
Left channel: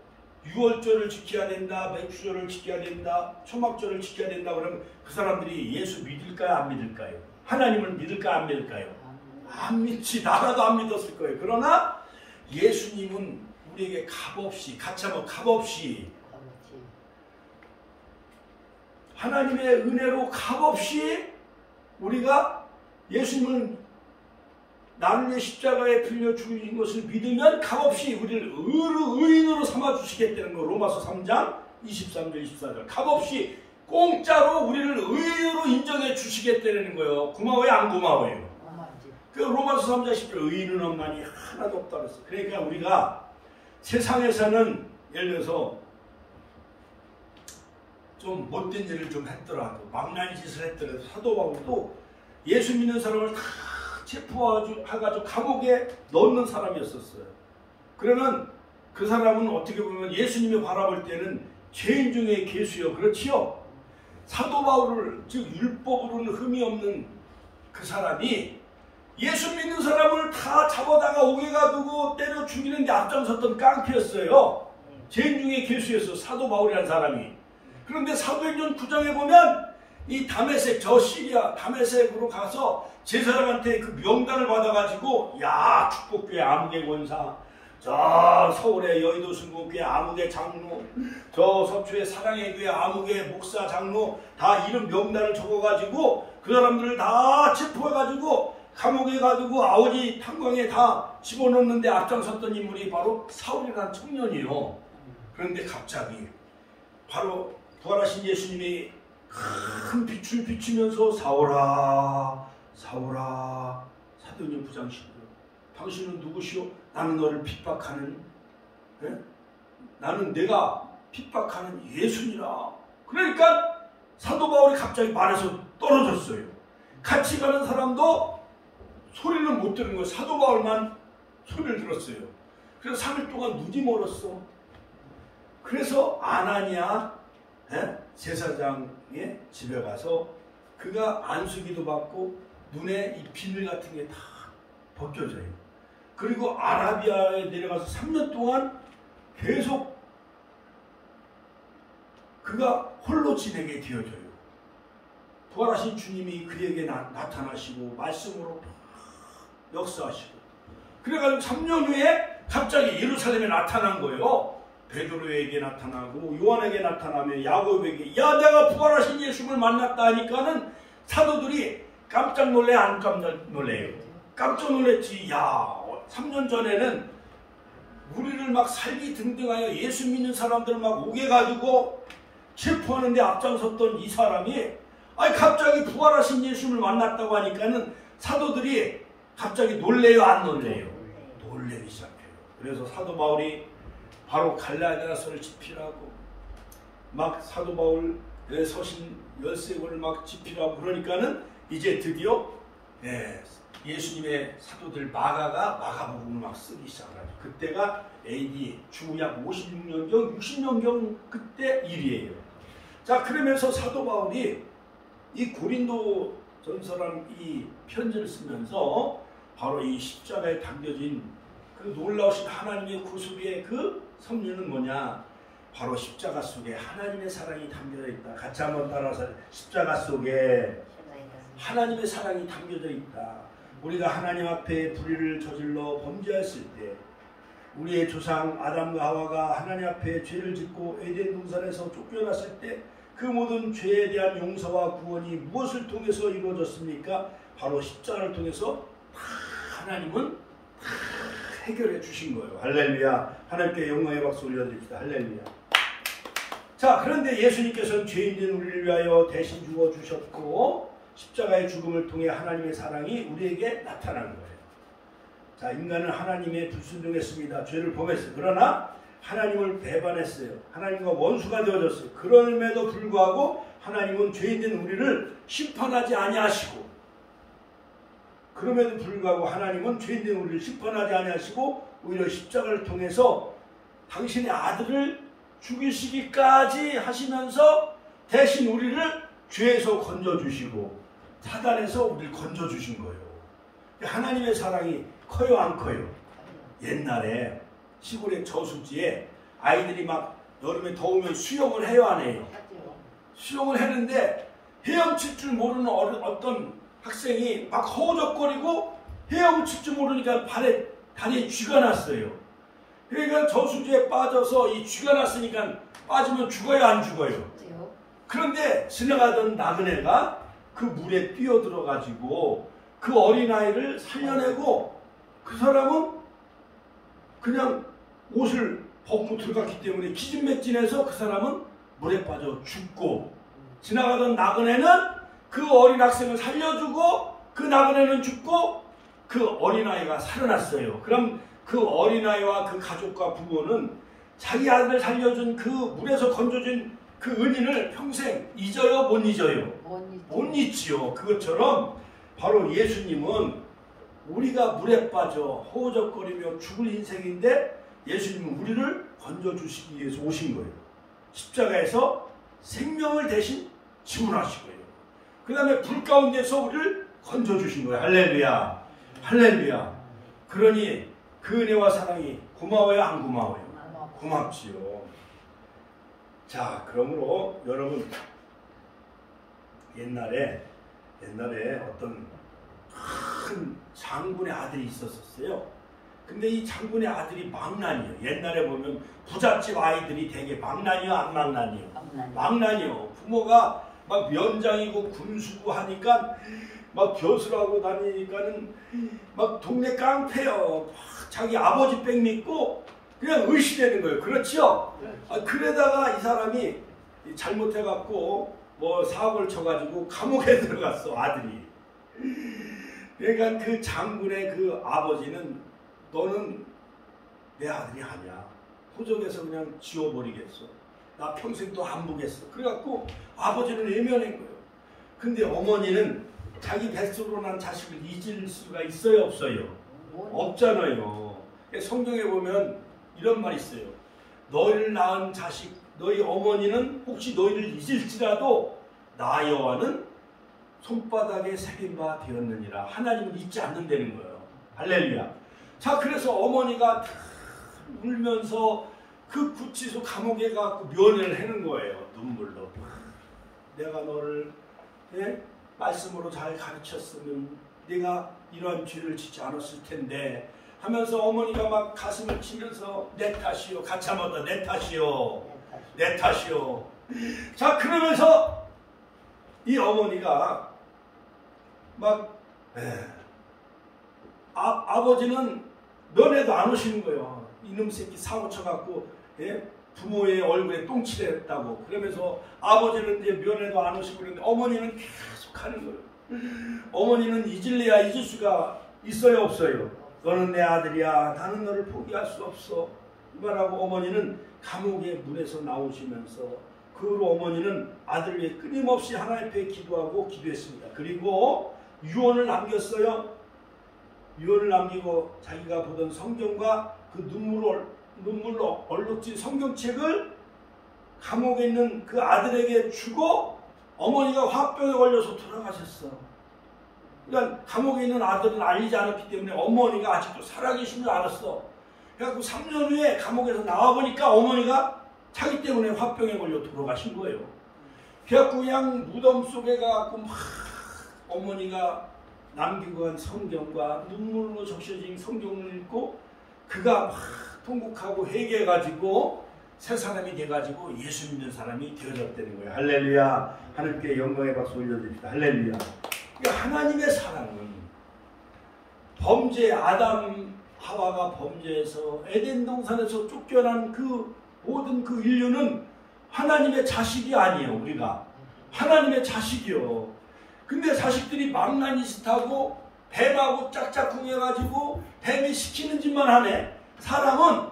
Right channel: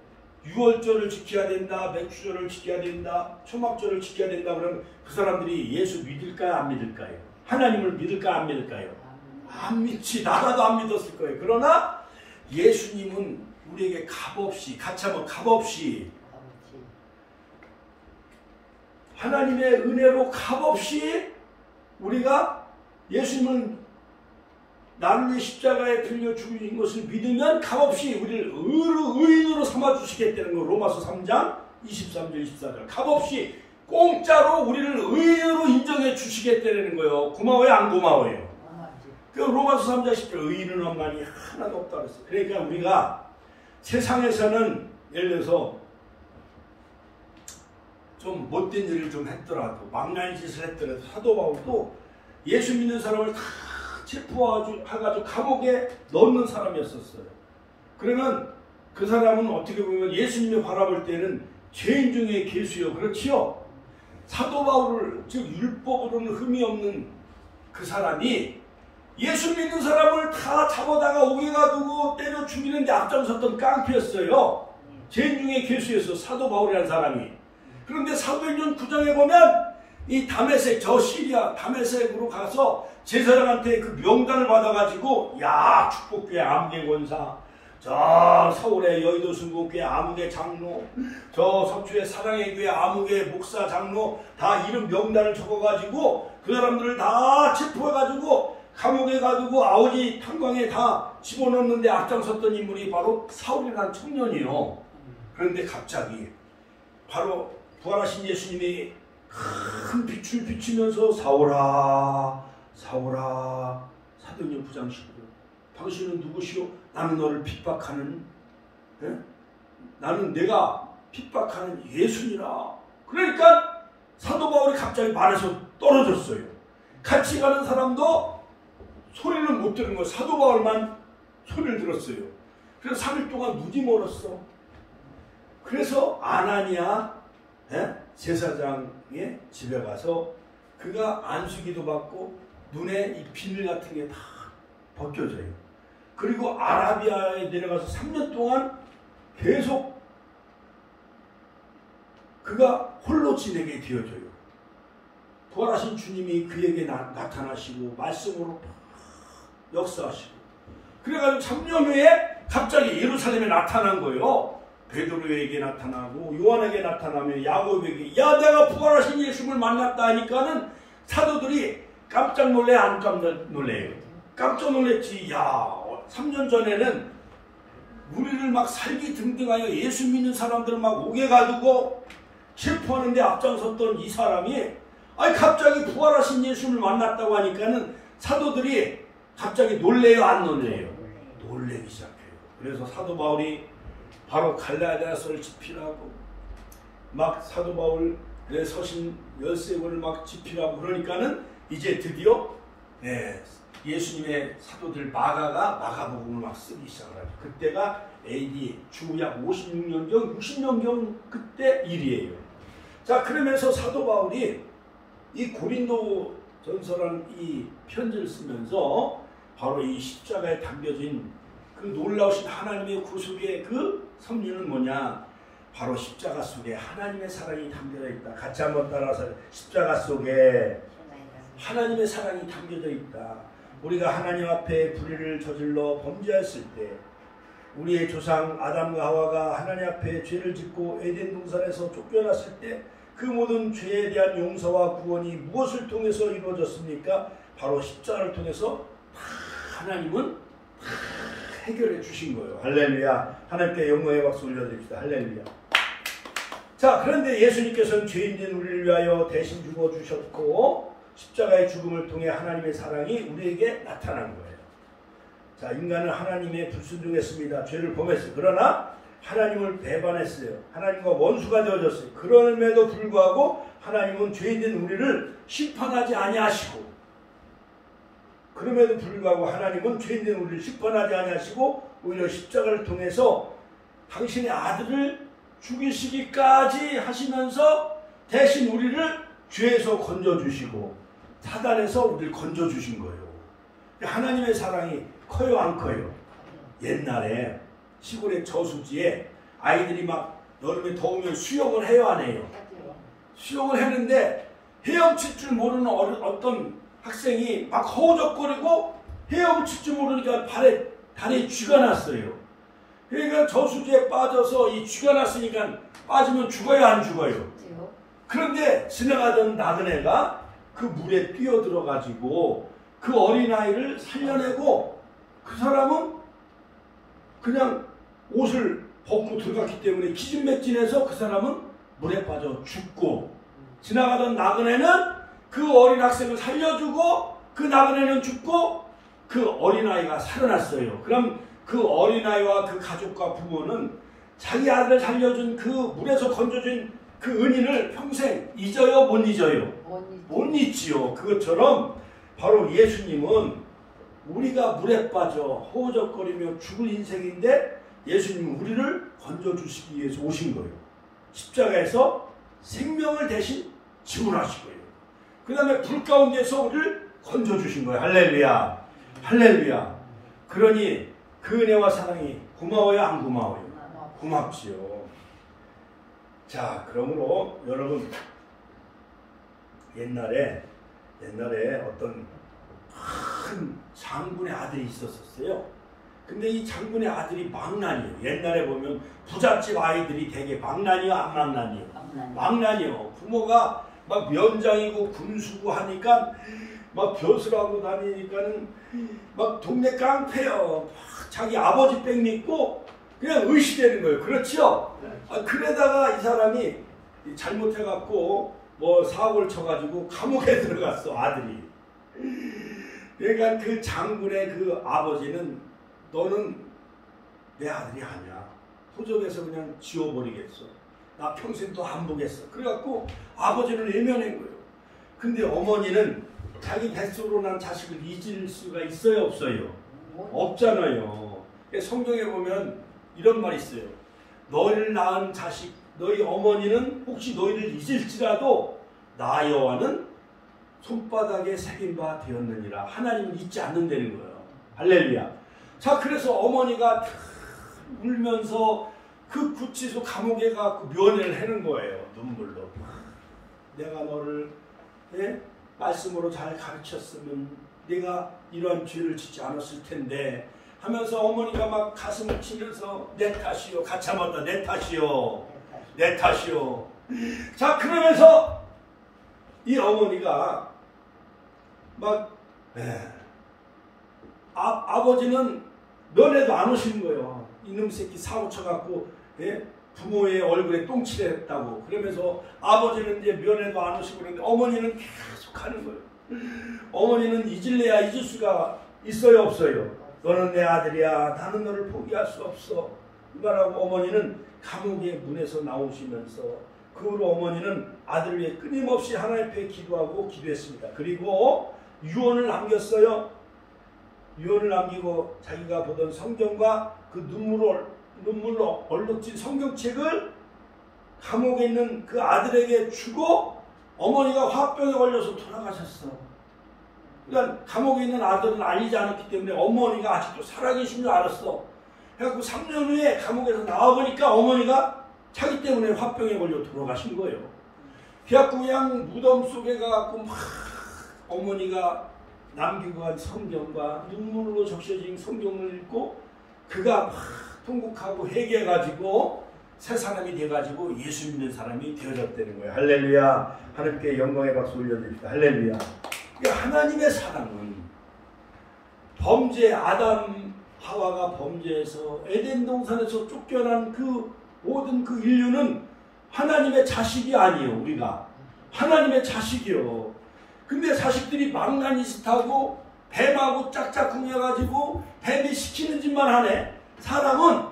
유월절을 지켜야 된다, 맥주절을 지켜야 된다, 초막절을 지켜야 된다 그러면 그 사람들이 예수 믿을까요 안 믿을까요? 하나님을 믿을까요 안 믿을까요? 안 믿지. 나라도 안 믿었을 거예요. 그러나 예수님은 우리에게 값없이, 같이 한번 값없이 하나님의 은혜로 값없이 우리가 예수님을 나를 위해 십자가에 들려 죽으신 것을 믿으면 값없이 우리를 의인으로 삼아주시겠다는 거. 로마서 3장 23절 24절. 값없이 공짜로 우리를 의인으로 인정해 주시겠다는 거예요. 고마워요 안 고마워요? 그 로마서 3장 10절 의인은 없나니 하나도 없다 그랬어. 그러니까 우리가 세상에서는 예를 들어서 좀 못된 일을 좀 했더라도 망나니 짓을 했더라도 사도 바울도 예수 믿는 사람을 다 체포해가지고 감옥에 넣는 사람이었었어요. 그러면 그 사람은 어떻게 보면 예수님을 바라볼 때는 죄인 중에 괴수요. 그렇지요? 사도 바울을 즉 율법으로는 흠이 없는 그 사람이 예수 믿는 사람을 다 잡아다가 옥에가 두고 때려 죽이는 데 앞장섰던 깡패였어요. 죄인 중에 괴수였어. 사도 바울이라는 사람이. 그런데 사도행전 9장에 보면 이 다메섹, 저 시리아 다메섹으로 가서 제사장한테 그 명단을 받아가지고 야 축복교회 아무개 권사, 저 서울의 여의도 순국교회 아무개 장로, 저 서초의 사랑의 교회 아무개 목사 장로 다 이름 명단을 적어가지고 그 사람들을 다 체포해가지고 감옥에 가지고 아우지 탄광에 다 집어넣는데 앞장섰던 인물이 바로 사울이라는 청년이요. 그런데 갑자기 바로 부활하신 예수님이 큰 빛을 비치면서 사울아 사울아 사도행전 9장 11절 당신은 누구시오? 나는 너를 핍박하는 나는 내가 핍박하는 예수니라. 그러니까 사도 바울이 갑자기 말에서 떨어졌어요. 같이 가는 사람도 소리는 못 들은 거예요. 사도 바울만 소리를 들었어요. 그래서 3일 동안 눈이 멀었어. 그래서 아나니아 제사장의 집에 가서 그가 안수기도 받고 눈에 이 비늘 같은 게 다 벗겨져요. 그리고 아라비아에 내려가서 3년 동안 계속 그가 홀로 지내게 되어져요. 부활하신 주님이 그에게 나타나시고 말씀으로 역사하시고 그래가지고 3년 후에 갑자기 예루살렘에 나타난 거예요. 베드로에게 나타나고 요한에게 나타나며 야곱에게 야 내가 부활하신 예수를 만났다 하니까는 사도들이 깜짝 놀래 안 깜짝 놀래요? 깜짝 놀랬지. 야 3년 전에는 우리를 막 살기 등등하여 예수 믿는 사람들을 막 오게 가지고 체포하는데 앞장섰던 이 사람이 아니 갑자기 부활하신 예수를 만났다고 하니까는 사도들이 갑자기 놀래요 안 놀래요? 놀래기 시작해요. 그래서 사도 바울이 바로 갈라디아서를 집필하고 막 사도 바울의 서신 13권을 막 집필하고 그러니까는 이제 드디어 예수님의 사도들 마가가 마가복음을 막 쓰기 시작하죠. 그때가 AD 주약 56년경 60년경 그때 일이에요. 자 그러면서 사도 바울이 이 고린도 전서라는 이 편지를 쓰면서 바로 이 십자가에 담겨진 그 놀라우신 하나님의 구속의 그 섭리는 뭐냐? 바로 십자가 속에 하나님의 사랑이 담겨져 있다. 같이 한번 따라서 십자가 속에 하나님의 사랑이 담겨져 있다. 우리가 하나님 앞에 불의를 저질러 범죄했을 때 우리의 조상 아담과 하와가 하나님 앞에 죄를 짓고 에덴 동산에서 쫓겨났을 때 그 모든 죄에 대한 용서와 구원이 무엇을 통해서 이루어졌습니까? 바로 십자가를 통해서 하나님은 해결해 주신 거예요. 할렐루야. 하나님께 영광의 박수 올려드립시다. 할렐루야. 자 그런데 예수님께서는 죄인된 우리를 위하여 대신 죽어주셨고 십자가의 죽음을 통해 하나님의 사랑이 우리에게 나타난 거예요. 자 인간은 하나님의 불순종했습니다. 죄를 범했어요. 그러나 하나님을 배반했어요. 하나님과 원수가 되어졌어요. 그럼에도 불구하고 하나님은 죄인된 우리를 심판하지 아니하시고 그럼에도 불구하고 하나님은 죄인된 우리를 심판하지 아니하시고 오히려 십자가를 통해서 당신의 아들을 죽이시기까지 하시면서 대신 우리를 죄에서 건져주시고 사단에서 우리를 건져주신 거예요. 하나님의 사랑이 커요 안 커요? 옛날에 시골의 저수지에 아이들이 막 여름에 더우면 수영을 해요 안 해요? 수영을 했는데 헤엄칠 줄 모르는 어떤 학생이 막 허우적거리고 헤엄칠 줄 모르니까 다리에 쥐가 났어요. 그러니까 저수지에 빠져서 이 쥐가 났으니까 빠지면 죽어요 안 죽어요? 그런데 지나가던 나그네가 그 물에 뛰어들어 가지고 그 어린아이를 살려내고 그 사람은 그냥 옷을 벗고 들어갔기 때문에 기진맥진해서 그 사람은 물에 빠져 죽고, 지나가던 나그네는 그 어린 학생을 살려주고 그 나그네는 죽고 그 어린아이가 살아났어요. 그럼 그 어린아이와 그 가족과 부모는 자기 아들 살려준 그 물에서 건져준 그 은인을 평생 잊어요? 못 잊어요? 못 잊지요. 그것처럼 바로 예수님은 우리가 물에 빠져 허우적거리며 죽을 인생인데 예수님은 우리를 건져주시기 위해서 오신 거예요. 십자가에서 생명을 대신 지불하신 거예요. 그 다음에 불 가운데서 우리를 건져주신 거예요. 할렐루야. 할렐루야. 그러니 그 은혜와 사랑이 고마워요? 안 고마워요? 고맙지요. 자, 그러므로 여러분, 옛날에 어떤 큰 장군의 아들이 있었어요. 근데 이 장군의 아들이 망난이에요. 옛날에 보면 부잣집 아이들이 되게 망난이요, 안 망난이요? 망난이요. 부모가 막 면장이고 군수고 하니까 막 벼슬하고 다니니까는 막 동네 깡패요. 자기 아버지 백 믿고 그냥 의시되는 거예요. 그렇죠? 그러다가 이 사람이 잘못해갖고 뭐 사고를 쳐가지고 감옥에 들어갔어, 아들이. 그러니까 그 장군의 그 아버지는 너는 내 아들이 아니야. 호적에서 그냥 지워버리겠어. 나 평생 또 안 보겠어. 그래갖고 아버지를 외면한 거예요. 근데 어머니는 자기 뱃속으로 난 자식을 잊을 수가 있어요, 없어요? 없잖아요. 성경에 보면 이런 말이 있어요. 너희를 낳은 자식, 너희 어머니는 혹시 너희를 잊을지라도 나 여호와는 손바닥에 새긴 바 되었느니라. 하나님은 잊지 않는다는 거예요. 할렐루야. 자, 그래서 어머니가 울면서 그 구치소 감옥에 가서 면회를 하는 거예요. 눈물로. 내가 너를 말씀으로 잘 가르쳤으면 네가 이런 죄를 짓지 않았을 텐데 하면서 어머니가 막 가슴을 치면서 내 탓이요. 같이 한번 더 내 탓이요. 내 탓이요. 자, 그러면서 이 어머니가 막 아버지는 면회도 안 오시는 거예요. 이놈 새끼 사고 쳐갖고 부모의 얼굴에 똥칠을 했다고. 그러면서 아버지는 이제 면회도 안 오시고 그러는데 어머니는 계속 하는 거예요. 어머니는 잊을래야 잊을 수가 있어요, 없어요? 너는 내 아들이야. 나는 너를 포기할 수 없어. 이 말하고 어머니는 감옥의 문에서 나오시면서 그 후로 어머니는 아들을 위해 끊임없이 하나님 앞에 기도하고 기도했습니다. 그리고 유언을 남겼어요. 유언을 남기고 자기가 보던 성경과 그 눈물로 얼룩진 성경책을 감옥에 있는 그 아들에게 주고 어머니가 화병에 걸려서 돌아가셨어. 그러니까 감옥에 있는 아들은 알리지 않았기 때문에 어머니가 아직도 살아계신 줄 알았어. 그래갖고 3년 후에 감옥에서 나와보니까 어머니가 자기 때문에 화병에 걸려 돌아가신 거예요. 그래갖고 그냥 무덤 속에 가갖고 막 어머니가 남기고 간 성경과 눈물로 적셔진 성경을 읽고 그가 막 통곡하고 회개해가지고 새 사람이 돼가지고 예수 믿는 사람이 되어졌다는 거예요. 할렐루야. 하나님께 영광의 박수 올려드립니다. 할렐루야. 그러니까 하나님의 사랑은 범죄, 아담 하와가 범죄해서 에덴 동산에서 쫓겨난 그 모든 그 인류는 하나님의 자식이 아니에요. 우리가 하나님의 자식이요. 근데 자식들이 망나니 짓하고 뱀하고 짝짝꿍해가지고 뱀이 시키는 짓만 하네. 사람은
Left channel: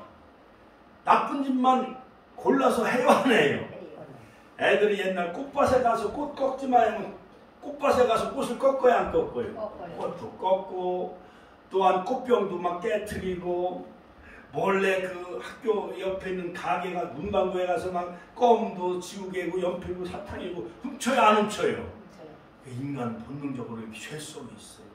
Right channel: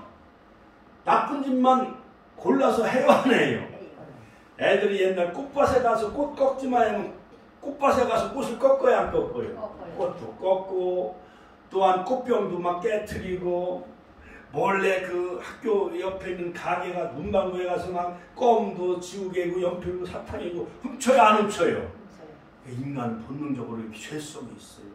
나쁜 짓만 골라서 해와네요. 애들이 옛날 꽃밭에 가서 꽃 꺾지 마면 꽃밭에 가서 꽃을 꺾어야 안 꺾어요. 꽃도 꺾고 또한 꽃병도 막 깨트리고 몰래 그 학교 옆에 있는 가게가 문방구에 가서 막 껌도 지우개고 연필도 사탕이고 훔쳐요, 안 훔쳐요? 인간 본능적으로 이렇게 죄성이 있어요.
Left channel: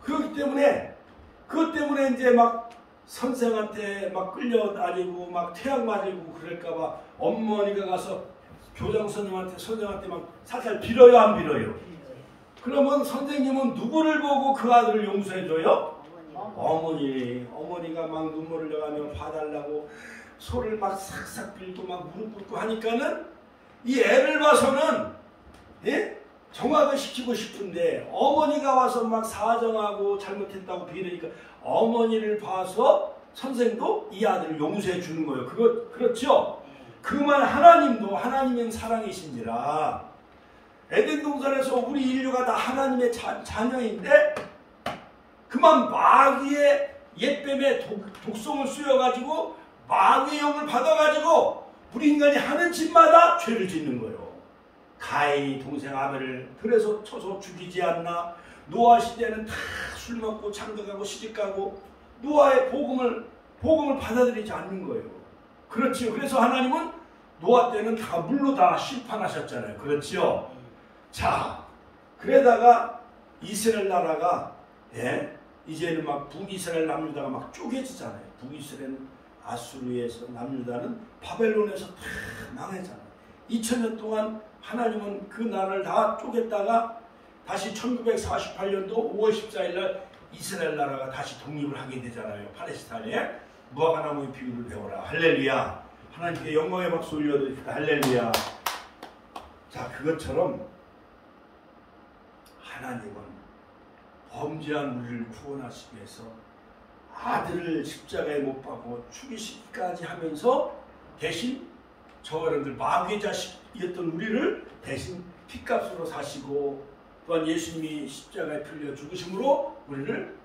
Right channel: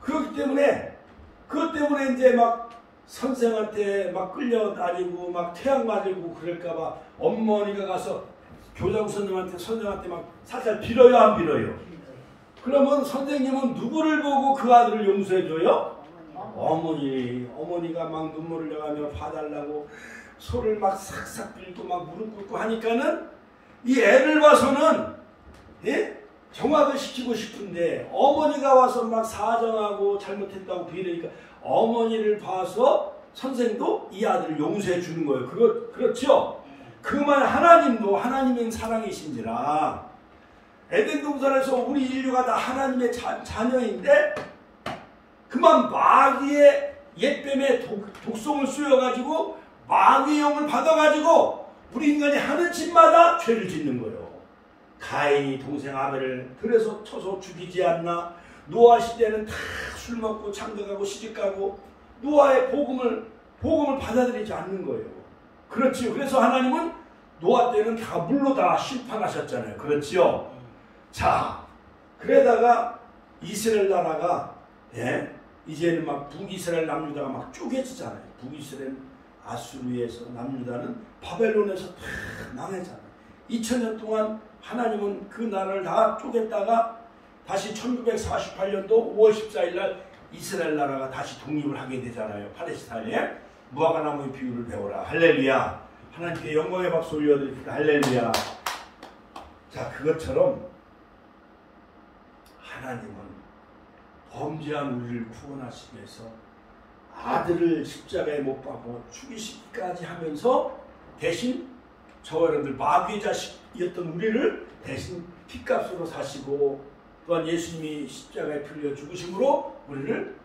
그렇기 때문에 그것 때문에 이제 막 선생한테 막 끌려다니고 막 태양 맞고 그럴까봐 어머니가 가서 교장 선생한테 막 살살 빌어요, 안 빌어요? 그러면 선생님은 누구를 보고 그 아들을 용서해줘요? 어머니가 막 눈물을 흘려가며 봐달라고 소를 막 싹싹 빌고 막 무릎 꿇고 하니까는 이 애를 봐서는 정화를 시키고 싶은데 어머니가 와서 막 사정하고 잘못했다고 비내니까 어머니를 봐서 선생도 이 아들을 용서해 주는 거예요. 그렇죠? 그만 하나님도 하나님의 사랑이신지라 에덴 동산에서 우리 인류가 다 하나님의 자녀인데 그만 마귀의 옛뱀의 독성을 쏘여가지고 마귀의 영을 받아가지고 우리 인간이 하는 짓마다 죄를 짓는 거예요. 가인이 동생 아벨을 들에서 쳐서 죽이지 않나. 노아 시대는 다 술 먹고 장가가고 시집가고 노아의 복음을 받아들이지 않는 거예요. 그렇지요. 그래서 하나님은 노아 때는 다 물로 다 심판하셨잖아요. 그렇지요. 자, 그러다가 이스라엘 나라가 이제는 막 북이스라엘 남유다가 막 쪼개지잖아요. 북이스라엘 아수르에서 남유다는 바벨론에서 다 망했잖아요. 2000년 동안 하나님은 그 나라를 다 쪼갰다가 다시 1948년도 5월 14일 날 이스라엘 나라가 다시 독립을 하게 되잖아요. 팔레스타인에 무화과나무의 비유를 배워라. 할렐루야. 하나님께 영광의 박수 올려드립니다. 할렐루야. 자, 그것처럼 하나님은 범죄한 우리를 구원하시기 위해서 아들을 십자가에 못 박고 죽이시기까지 하면서 대신 저와 여러분들 마귀의 자식이었던 우리를 대신 핏값으로 사시고 또한 예수님이 십자가에 풀려 죽으심으로 우리를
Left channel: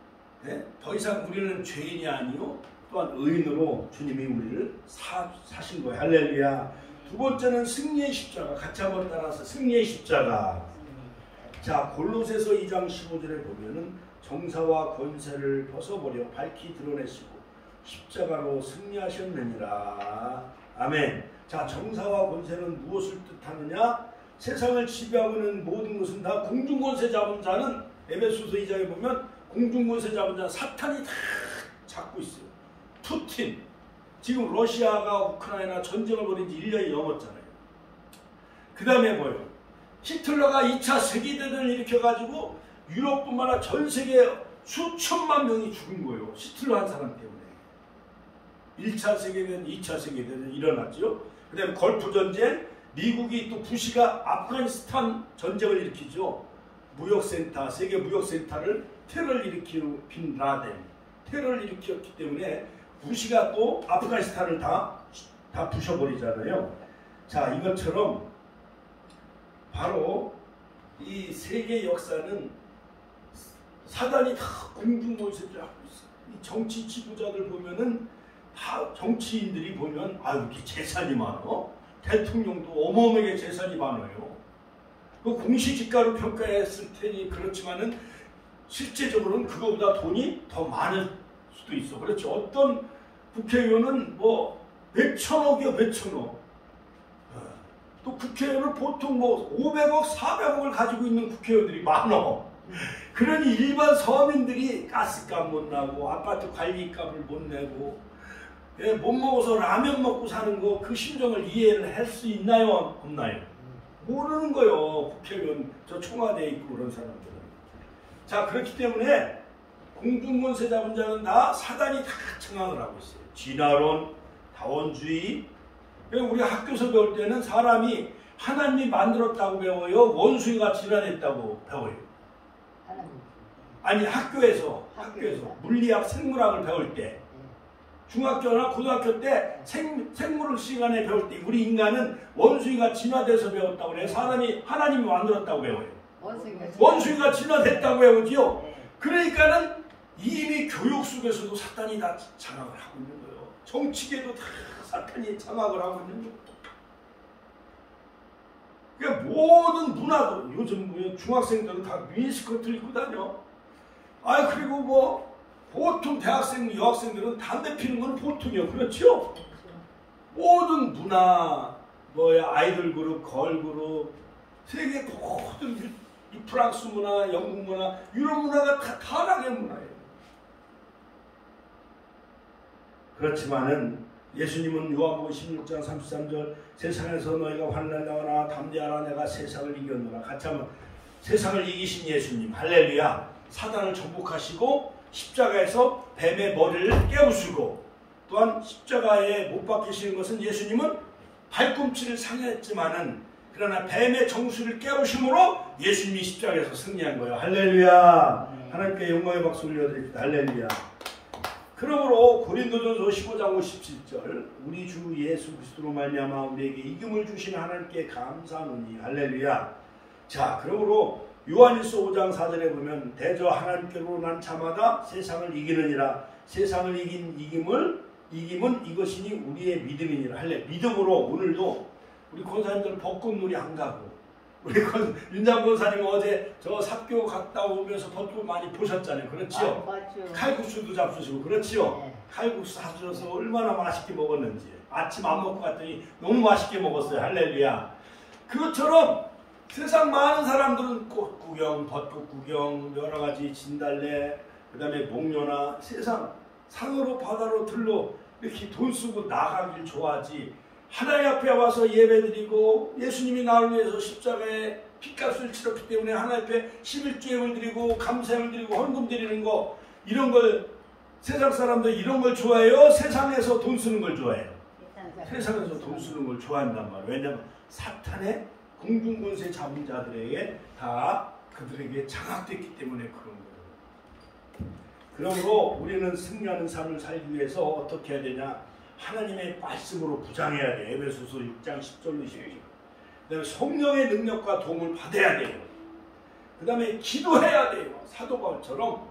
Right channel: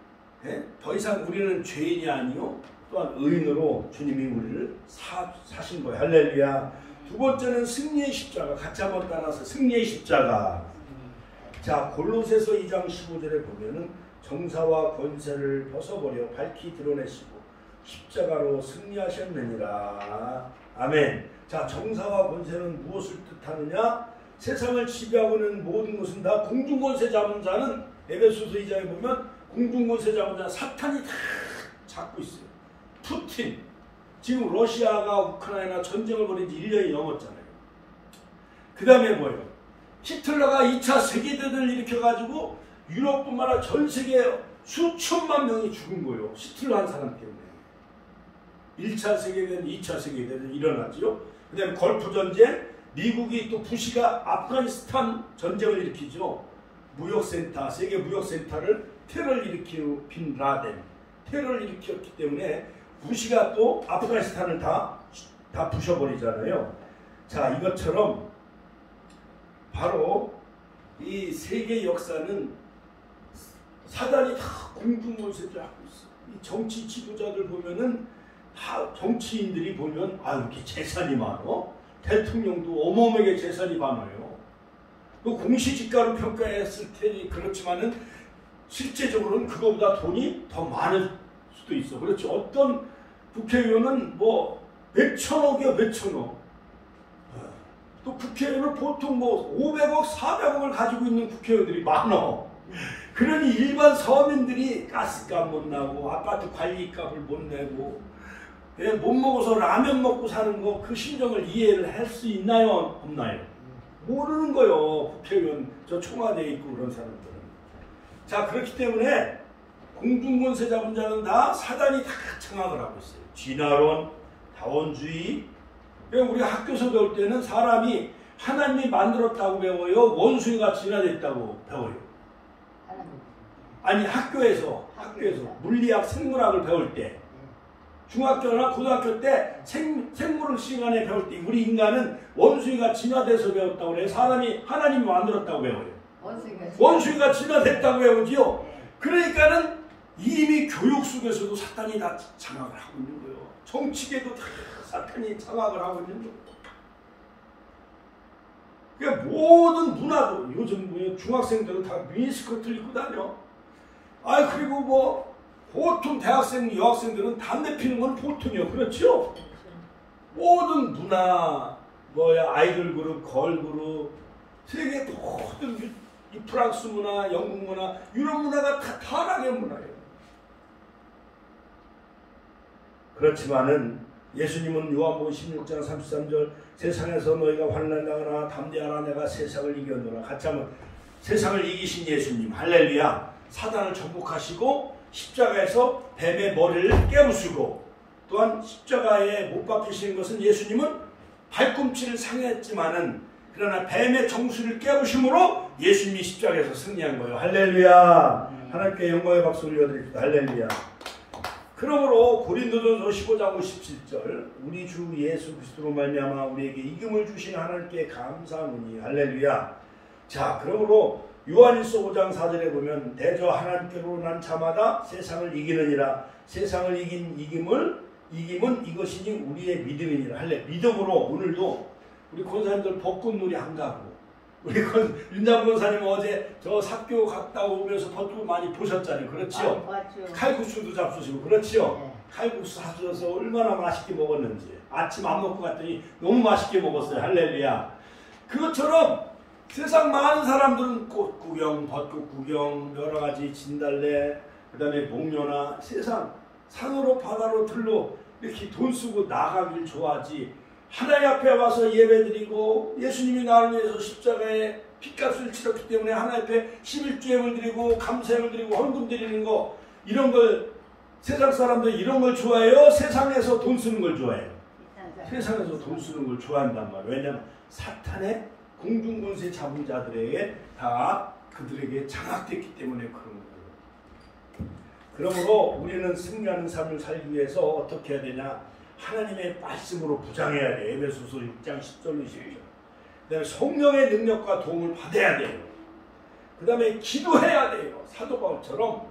더 이상 우리는 죄인이 아니요 또한 의인으로 주님이 우리를 사신 거예요. 할렐루야. 두 번째는 승리의 십자가. 같이 한번 따라서 승리의 십자가. 자, 골로새서 2장 15절에 보면은 정사와 권세를 벗어버려 밝히 드러내시고 십자가로 승리하셨느니라. 아멘. 자, 정사와 권세는 무엇을 뜻하느냐? 세상을 지배하고 있는 모든 것은 다 공중권세 잡은 자는 에베소서 2장에 보면 공중권세 잡은 자 사탄이 다 잡고 있어요. 푸틴. 지금 러시아가 우크라이나 전쟁을 벌인 지 1년이 넘었잖아요. 그 다음에 뭐예요? 히틀러가 2차 세계대전을 일으켜가지고 유럽뿐만 아니라 전 세계 수천만 명이 죽은 거예요. 히틀러 한 사람 때문에. 1차 세계대전, 2차 세계대전 일어났죠. 그 다음에 걸프 전쟁, 미국이 또 부시가 아프가니스탄 전쟁을 일으키죠. 무역센터, 세계 무역센터를 테러를 일으킨 빈 라덴, 테러를 일으켰기 때문에 부시가 또 아프가니스탄을 다 부셔버리잖아요. 자, 이것처럼 바로 이 세계 역사는 사단이 다 공중권세를 하고 있어요. 이 정치 지도자들 보면은 다 정치인들이 보면 이렇게 재산이 많어. 대통령도 어마어마하게 재산이 많아요. 그 공시지가로 평가했을 테니 그렇지만은 실제적으로는 그거보다 돈이 더 많을 수도 있어. 그렇죠. 어떤 국회의원은 뭐 몇천억이요, 몇천억. 또 국회의원은 보통 뭐 500억, 400억을 가지고 있는 국회의원들이 많아. 그러니 일반 서민들이 가스값 못 나고 아파트 관리값을 못 내고 못 먹어서 라면 먹고 사는 거 그 심정을 이해를 할 수 있나요? 없나요? 모르는 거요. 국회의원 저 청와대에 있고 그런 사람들은. 자, 그렇기 때문에 공중권세 잡은 자는 다 사단이 다 장악을 하고 있어요. 진화론, 다원주의. 우리가 학교에서 배울 때는 사람이 하나님이 만들었다고 배워요? 원수가 진화됐다고 배워요? 아니, 학교에서 물리학, 생물학을 배울 때 중학교나 고등학교 때 생물 시간에 배울 때 우리 인간은 원수가 진화돼서 배웠다고 그래요. 사람이 하나님이 만들었다고 배워요. 원수가 진화됐다고 배우지요. 그러니까는 이미 교육 속에서도 사탄이 다 장악을 하고 있는 거예요. 정치계도 다 사탄이 장악을 하고 있는 거예요. 그러니까 모든 문화도 요즘 중학생들은 다 미니스커트를 입고 다녀. 그리고 뭐 보통 대학생, 여학생들은 담배 피는 건 보통이요. 그렇죠? 모든 문화, 아이돌 그룹, 걸 그룹, 세계 모든 이 프랑스 문화, 영국 문화, 유럽 문화가 다 타락의 문화예요. 그렇지만은 예수님은 요한복음 16장 33절 세상에서 너희가 환난당하나 담대하라 내가 세상을 이겼노라. 같이 한번 세상을 이기신 예수님 할렐루야. 사단을 정복하시고 십자가에서 뱀의 머리를 깨우시고 또한 십자가에 못 박히시는 것은 예수님은 발꿈치를 상했지만은 그러나 뱀의 정수를 깨우심으로 예수님이 십자가에서 승리한 거예요. 할렐루야. 하나님께 영광의 박수 올려드립니다. 할렐루야. 그러므로 고린도전서 15장 57절 우리 주 예수 그리스도로 말미암아 우리에게 이김을 주신 하나님께 감사하노니 할렐루야. 자, 그러므로 요한일서 5장 4절에 보면 대저 하나님께로 난 자마다 세상을 이기느니라. 세상을 이긴 이김은 이것이니 우리의 믿음이니라. 할래. 믿음으로 오늘도 우리 권사님들 벚꽃놀이 안 가고 우리 윤장 권사님 어제 저 삽교 갔다 오면서 벚꽃 많이 보셨잖아요. 그렇지요? 칼국수도 잡수시고 그렇지요? 네. 칼국수 하셔서 얼마나 맛있게 먹었는지 아침 안 먹고 갔더니 너무 맛있게 먹었어요. 할렐루야. 그것처럼 세상 많은 사람들은 꽃 구경, 벚꽃 구경, 여러 가지 진달래, 그 다음에 목련화, 세상 산으로 바다로 들로 이렇게 돈 쓰고 나가길 좋아하지. 하나님 앞에 와서 예배드리고 예수님이 나를 위해서 십자가에 핏값을 치렀기 때문에 하나님 앞에 11조행을 드리고 감사행을 드리고 헌금 드리는 거, 이런 걸 세상 사람들 이런 걸 좋아해요? 세상에서 돈 쓰는 걸 좋아해요? 세상에서 돈 쓰는 걸 좋아한단 말이에요. 왜냐하면 사탄의 공중권세 잡은 자들에게 다 그들에게 장악됐기 때문에 그런 거예요. 그러므로 우리는 승리하는 삶을 살기 위해서 어떻게 해야 되냐? 하나님의 말씀으로 부장해야 돼. 에베소서 6장 10절로 12절. 그 다음에 성령의 능력과 도움을 받아야 돼요. 그 다음에 기도해야 돼요. 사도 바울처럼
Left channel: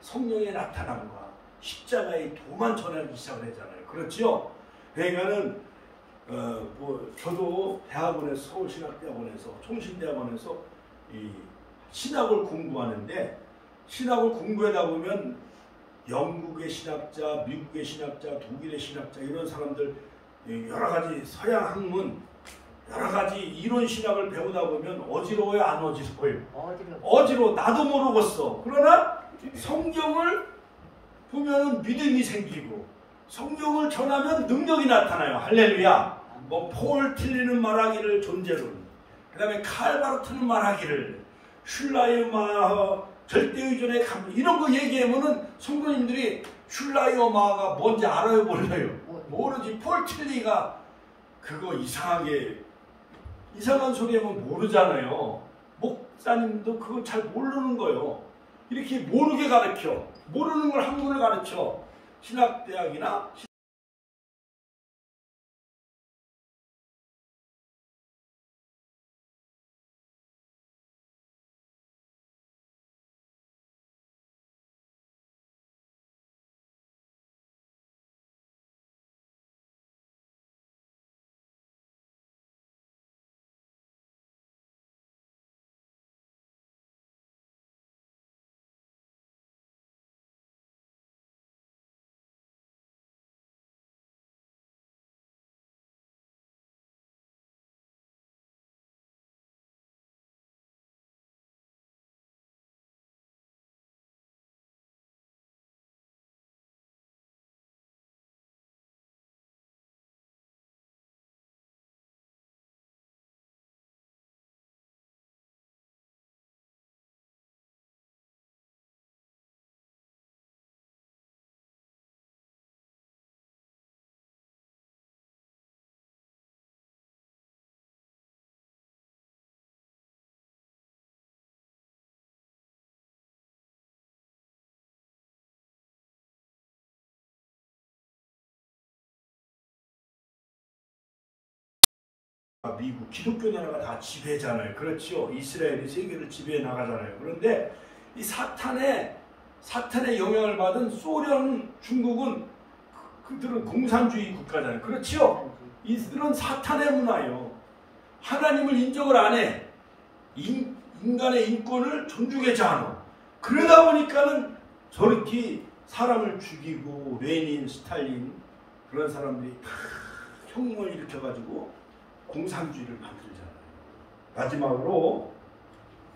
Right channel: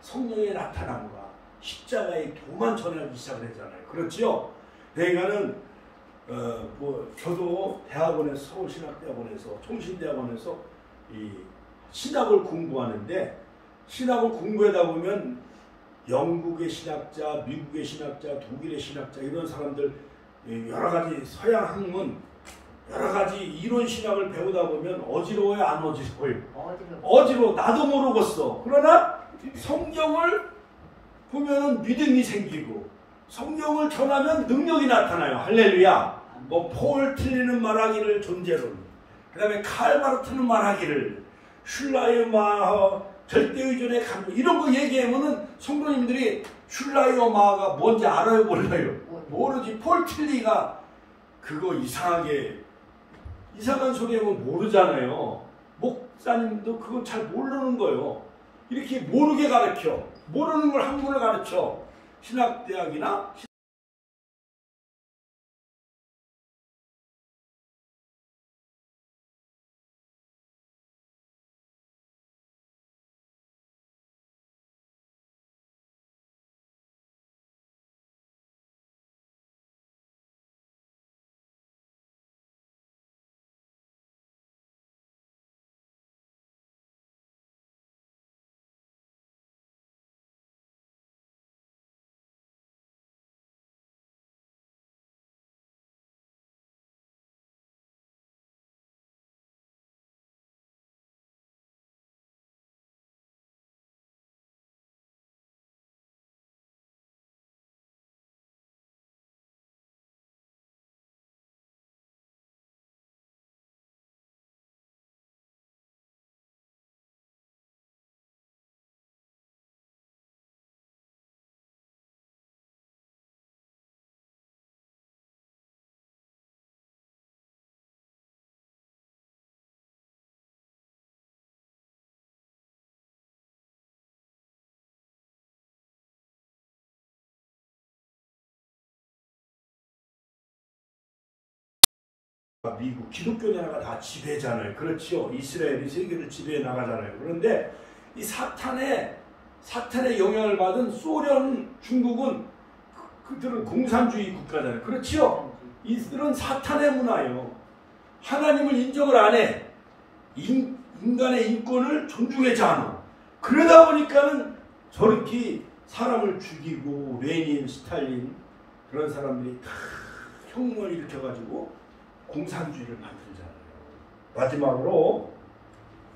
성령의 나타남과 십자가의 도만 전하기 시작을 했잖아요. 그렇죠? 그러니까는 저도 대학원에서 서울신학대학원에서 총신대학원에서 이 신학을 공부하는데 신학을 공부하다 보면 영국의 신학자, 미국의 신학자, 독일의 신학자 이런 사람들 여러 가지 서양 학문 여러 가지 이론 신학을 배우다 보면 어지러워요, 안 어지러워요? 어지러워. 나도 모르겠어. 그러나 성경을 보면은 믿음이 생기고 성경을 전하면 능력이 나타나요. 할렐루야. 폴 틀리는 말하기를 존재론, 그 다음에 칼바르트는 말하기를 슐라이어마하 절대의존의 감동 이런 거 얘기하면은 성도님들이 슐라이어마하가 뭔지 알아요, 몰라요? 모르지. 폴 틀리가 그거 이상한 소리 하면 모르잖아요. 목사님도 그거 잘 모르는 거예요. 이렇게 모르게 가르쳐. 모르는 걸 학문을 가르쳐. 신학대학이나 미국 기독교 나라가 다 지배잖아요. 그렇죠? 이스라엘이 세계를 지배해 나가잖아요. 그런데 이 사탄의 영향을 받은 소련, 중국은 그들은 공산주의 국가잖아요. 그렇죠? 이들은 사탄의 문화예요. 하나님을 인정을 안 해. 인간의 인권을 존중하지 않아. 그러다 보니까는 저렇게 사람을 죽이고 레닌, 스탈린 그런 사람들이 다 혁명을 일으켜가지고 공산주의를 만들잖아요. 마지막으로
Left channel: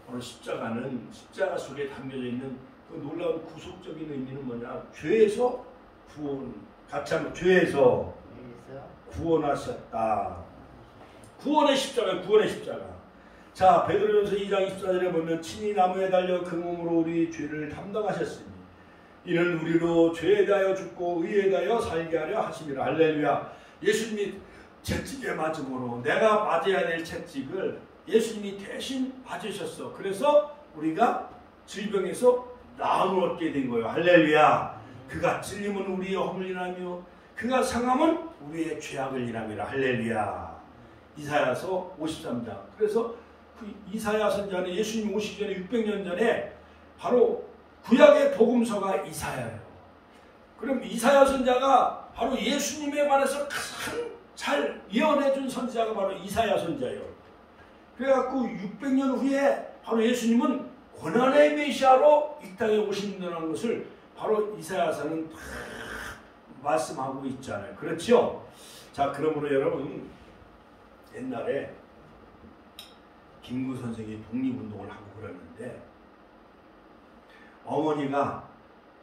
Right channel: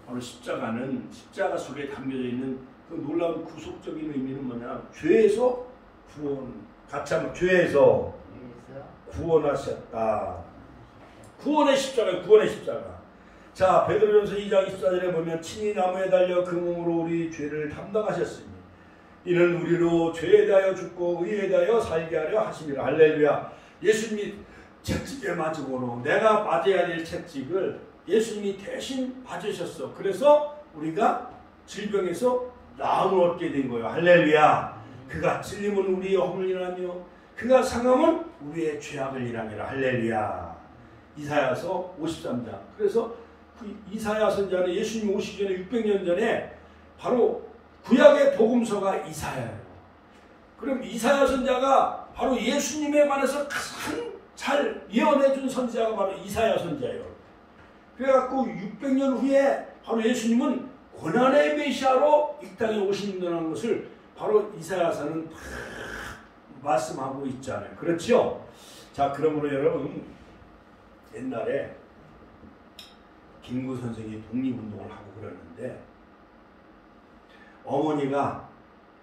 바로 십자가 속에 담겨져 있는 그 놀라운 구속적인 의미는 뭐냐? 죄에서 구원, 같이 한번 죄에서 구원하셨다. 구원의 십자가. 자, 베드로전서 2장 24절에 보면 친히 나무에 달려 그 몸으로 우리 죄를 담당하셨으니 이는 우리로 죄에 대하여 죽고 의에 대하여 살게 하려 하심이라. 할렐루야. 예수님이 채찍에 맞음으로 내가 맞아야 될 채찍을 예수님이 대신 맞으셨어. 그래서 우리가 질병에서 나음을 얻게 된 거예요. 할렐루야. 그가 찔림은 우리의 허물을 인하며 그가 상함은 우리의 죄악을 인함이라. 할렐루야. 이사야서 53장. 그래서 그 이사야 선자는 예수님이 오시기 전에 600년 전에 바로 구약의 복음서가 이사야예요. 그럼 이사야 선자가 바로 예수님에 관해서 가장 잘 예언해준 선지자가 바로 이사야 선자예요. 그래갖고 600년 후에 바로 예수님은 고난의 메시아로 이 땅에 오신다는 것을 바로 이사야서는 말씀하고 있잖아요. 그렇죠? 자, 그러므로 여러분, 옛날에 김구 선생이 독립운동을 하고 그랬는데 어머니가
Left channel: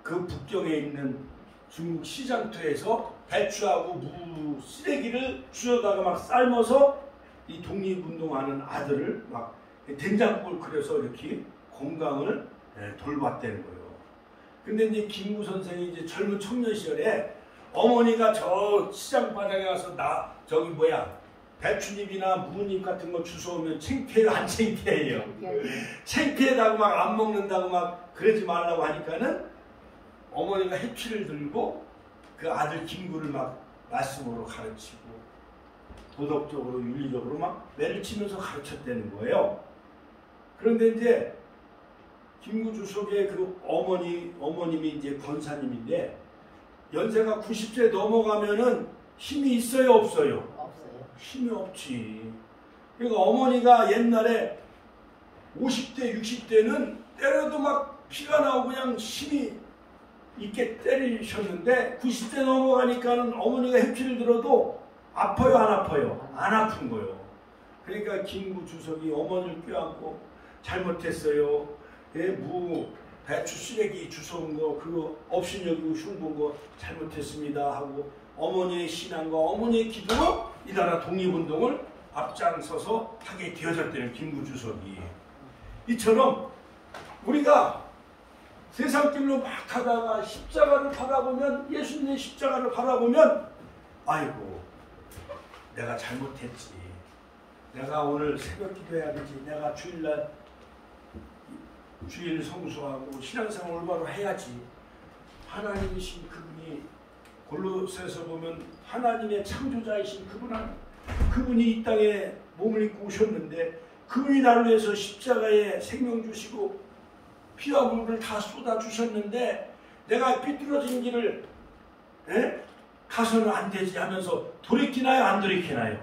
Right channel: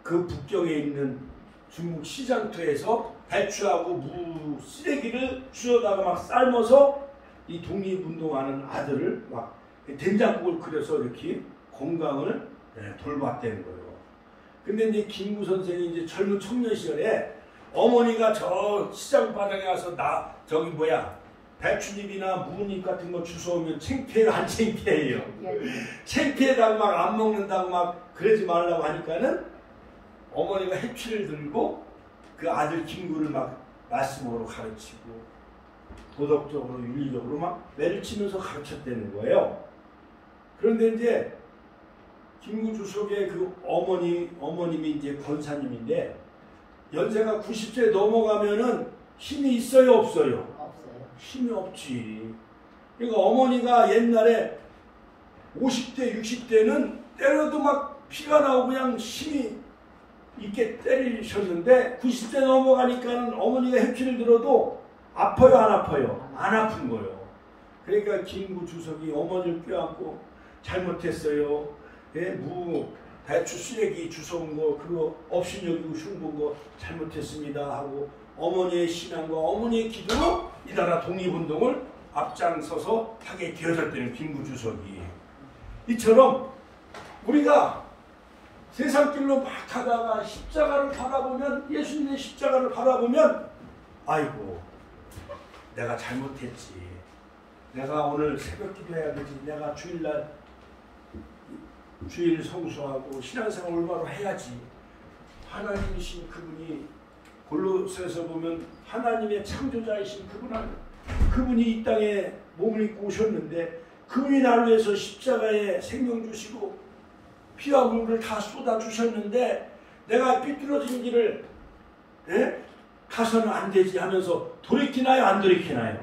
그 북경에 있는 중국 시장터에서 배추하고 무 쓰레기를 주워다가 막 삶아서 이 독립운동하는 아들을 막 된장국을 끓여서 이렇게 건강을 돌봤다는 거예요. 근데 이제 김구 선생이 이제 젊은 청년 시절에 어머니가 저 시장 바닥에 가서 배추잎이나 무잎 같은 거 주워오면 창피해요, 안 창피해요? 창피해다고 막 안 먹는다고 막 그러지 말라고 하니까는 어머니가 해피를 들고 그 아들 김구를 막 말씀으로 가르치고 도덕적으로 윤리적으로 막 매를 치면서 가르쳤다는 거예요. 그런데 이제 김구 주석의 그 어머님이 이제 권사님인데 연세가 90세 넘어가면은 힘이 있어요, 없어요? 없어요. 힘이 없지. 그러니까 어머니가 옛날에 50대, 60대는 때려도 막 피가 나오고 그냥 힘이 있게 때리셨는데 90대 넘어가니까는 어머니가 해피를 들어도 아파요, 안 아파요? 안 아픈 거예요. 그러니까 김구 주석이 어머니를 껴안고 잘못했어요. 배추 쓰레기 주워온 거 그거 업신여기고 흉본 거 잘못했습니다 하고 어머니의 신앙과 어머니의 기도로 이 나라 독립운동을 앞장서서 하게 되어졌다는 김구 주석이. 이처럼 우리가 세상길로 막 가다가 십자가를 바라보면 예수님의 십자가를 바라보면 아이고 내가 잘못했지. 내가 오늘 새벽 기도해야 되지. 내가 주일 성수하고 신앙생활 올바로 해야지. 하나님이신 그분이 골로새서 보면 하나님의 창조자이신 그분이 이 땅에 몸을 입고 오셨는데 그분이 나를 위해서 십자가에 생명 주시고 피와 물을 다 쏟아주셨는데 내가 삐뚤어진 길을 가서는 안 되지 하면서 돌이키나요? 안 돌이키나요?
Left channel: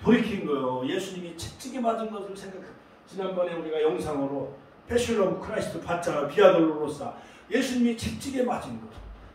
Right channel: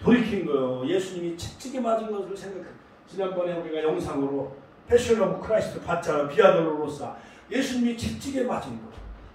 돌이킨 거예요. 예수님이 채찍에 맞은 것을 생각해. 지난번에 우리가 영상으로 패션 오브 크라이스트 봤잖아. 비아돌로로사. 예수님이 채찍에 맞은 거.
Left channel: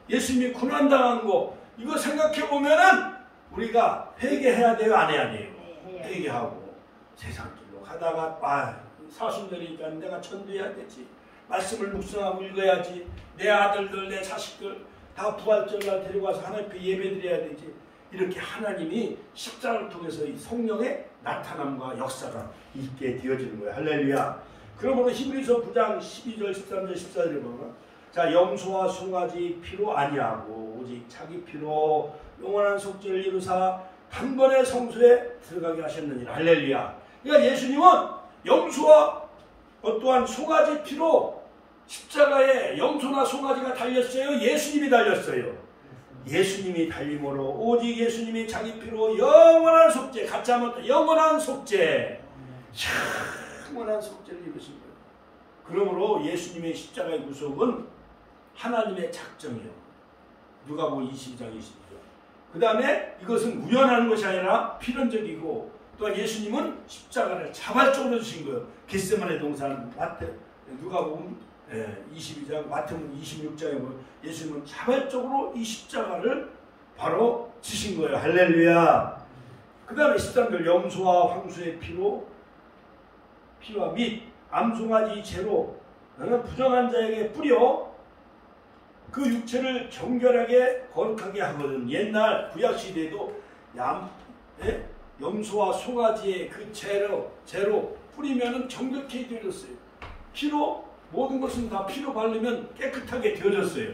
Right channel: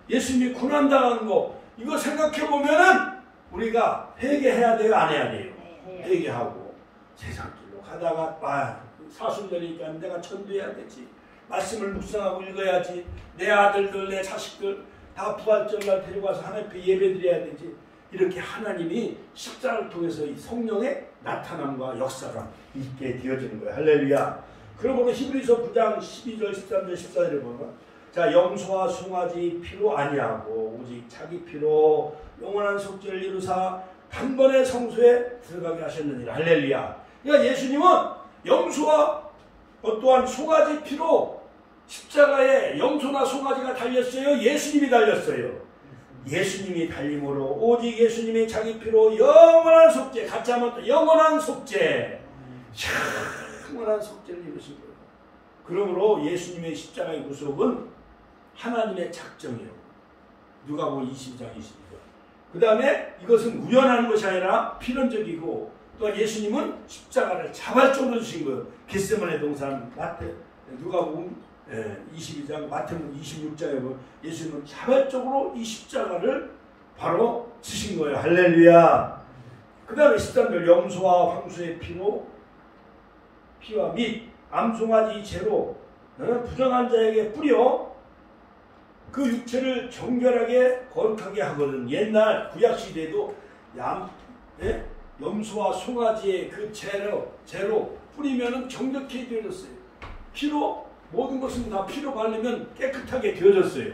예수님이 고난당한 거. 이거 생각해보면은 우리가 회개해야 돼요? 안 해야 돼요? 회개하고 세상길로 가다가 사순절이니까 내가 전도해야 되지. 말씀을 묵상하고 읽어야지. 내 아들들 내 자식들 다 부활절날 데려가서 하나님 앞에 예배드려야 되지. 이렇게 하나님이 십자가를 통해서 이 성령의 나타남과 역사가 있게 되어지는 거예요. 할렐루야. 그러므로 히브리서 9장 12절 13절 14절에 보면 자 염소와 송아지 피로 아니하고 오직 자기 피로 영원한 속죄를 이루사 단번에 성소에 들어가게 하셨느니라. 할렐루야. 그러니까 예수님은 염소와 또한 송아지 피로 십자가에 염소나 송아지가 달렸어요? 예수님이 달렸어요? 예수님이 달림으로 오직 예수님이 자기 피로 영원한 속죄, 같이 하면 영원한 속죄, 영원한 속죄를 이루신 거예요. 그러므로 예수님의 십자가의 구속은 하나님의 작정이요. 누가복음 22장 22절. 그 다음에 이것은 우연한 것이 아니라 필연적이고 또한 예수님은 십자가를 자발적으로 주신 거예요. 겟세마네 동산 누가복음 22장 마태복음 26장에 보면 예수님은 자발적으로 이 십자가를 바로 지신 거예요. 할렐루야. 그 다음에 13절 염소와 황소의 피와 및 암송아지 죄로 부정한 자에게 뿌려 그 육체를 정결하게 거룩하게 하거든. 옛날 구약시대에도 염소와 송아지의 그 죄로 뿌리면 정결케 되어졌어요. 피로 모든 것은 다 피로 바르면 깨끗하게 되어졌어요.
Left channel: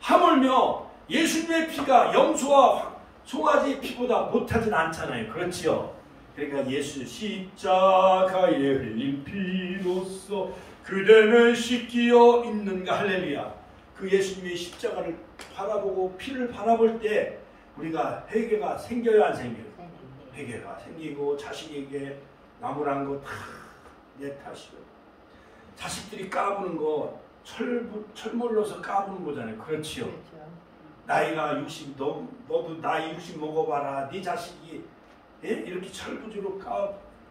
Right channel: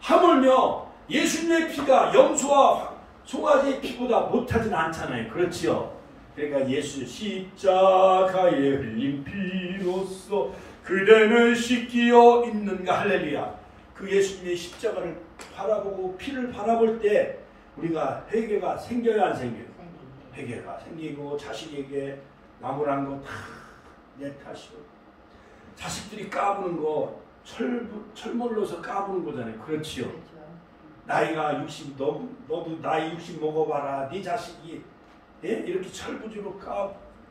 하물며 예수님의 피가 염소와 송아지 피보다 못하진 않잖아요. 그렇지요? 그러니까 예수 십자가에 흘린 피로써 그대는 씻기어 있는가. 할렐루야. 그 예수님의 십자가를 바라보고 피를 바라볼 때 우리가 회개가 생겨야 안 생겨요? 회개가 생기고 자식에게 나무란 거 다 내 탓이요. 자식들이 까부는 거 철물러서 까부는 거잖아요. 그렇지요? 나이가 60, 너도 나이 60 먹어봐라. 네 자식이 이렇게 철부지로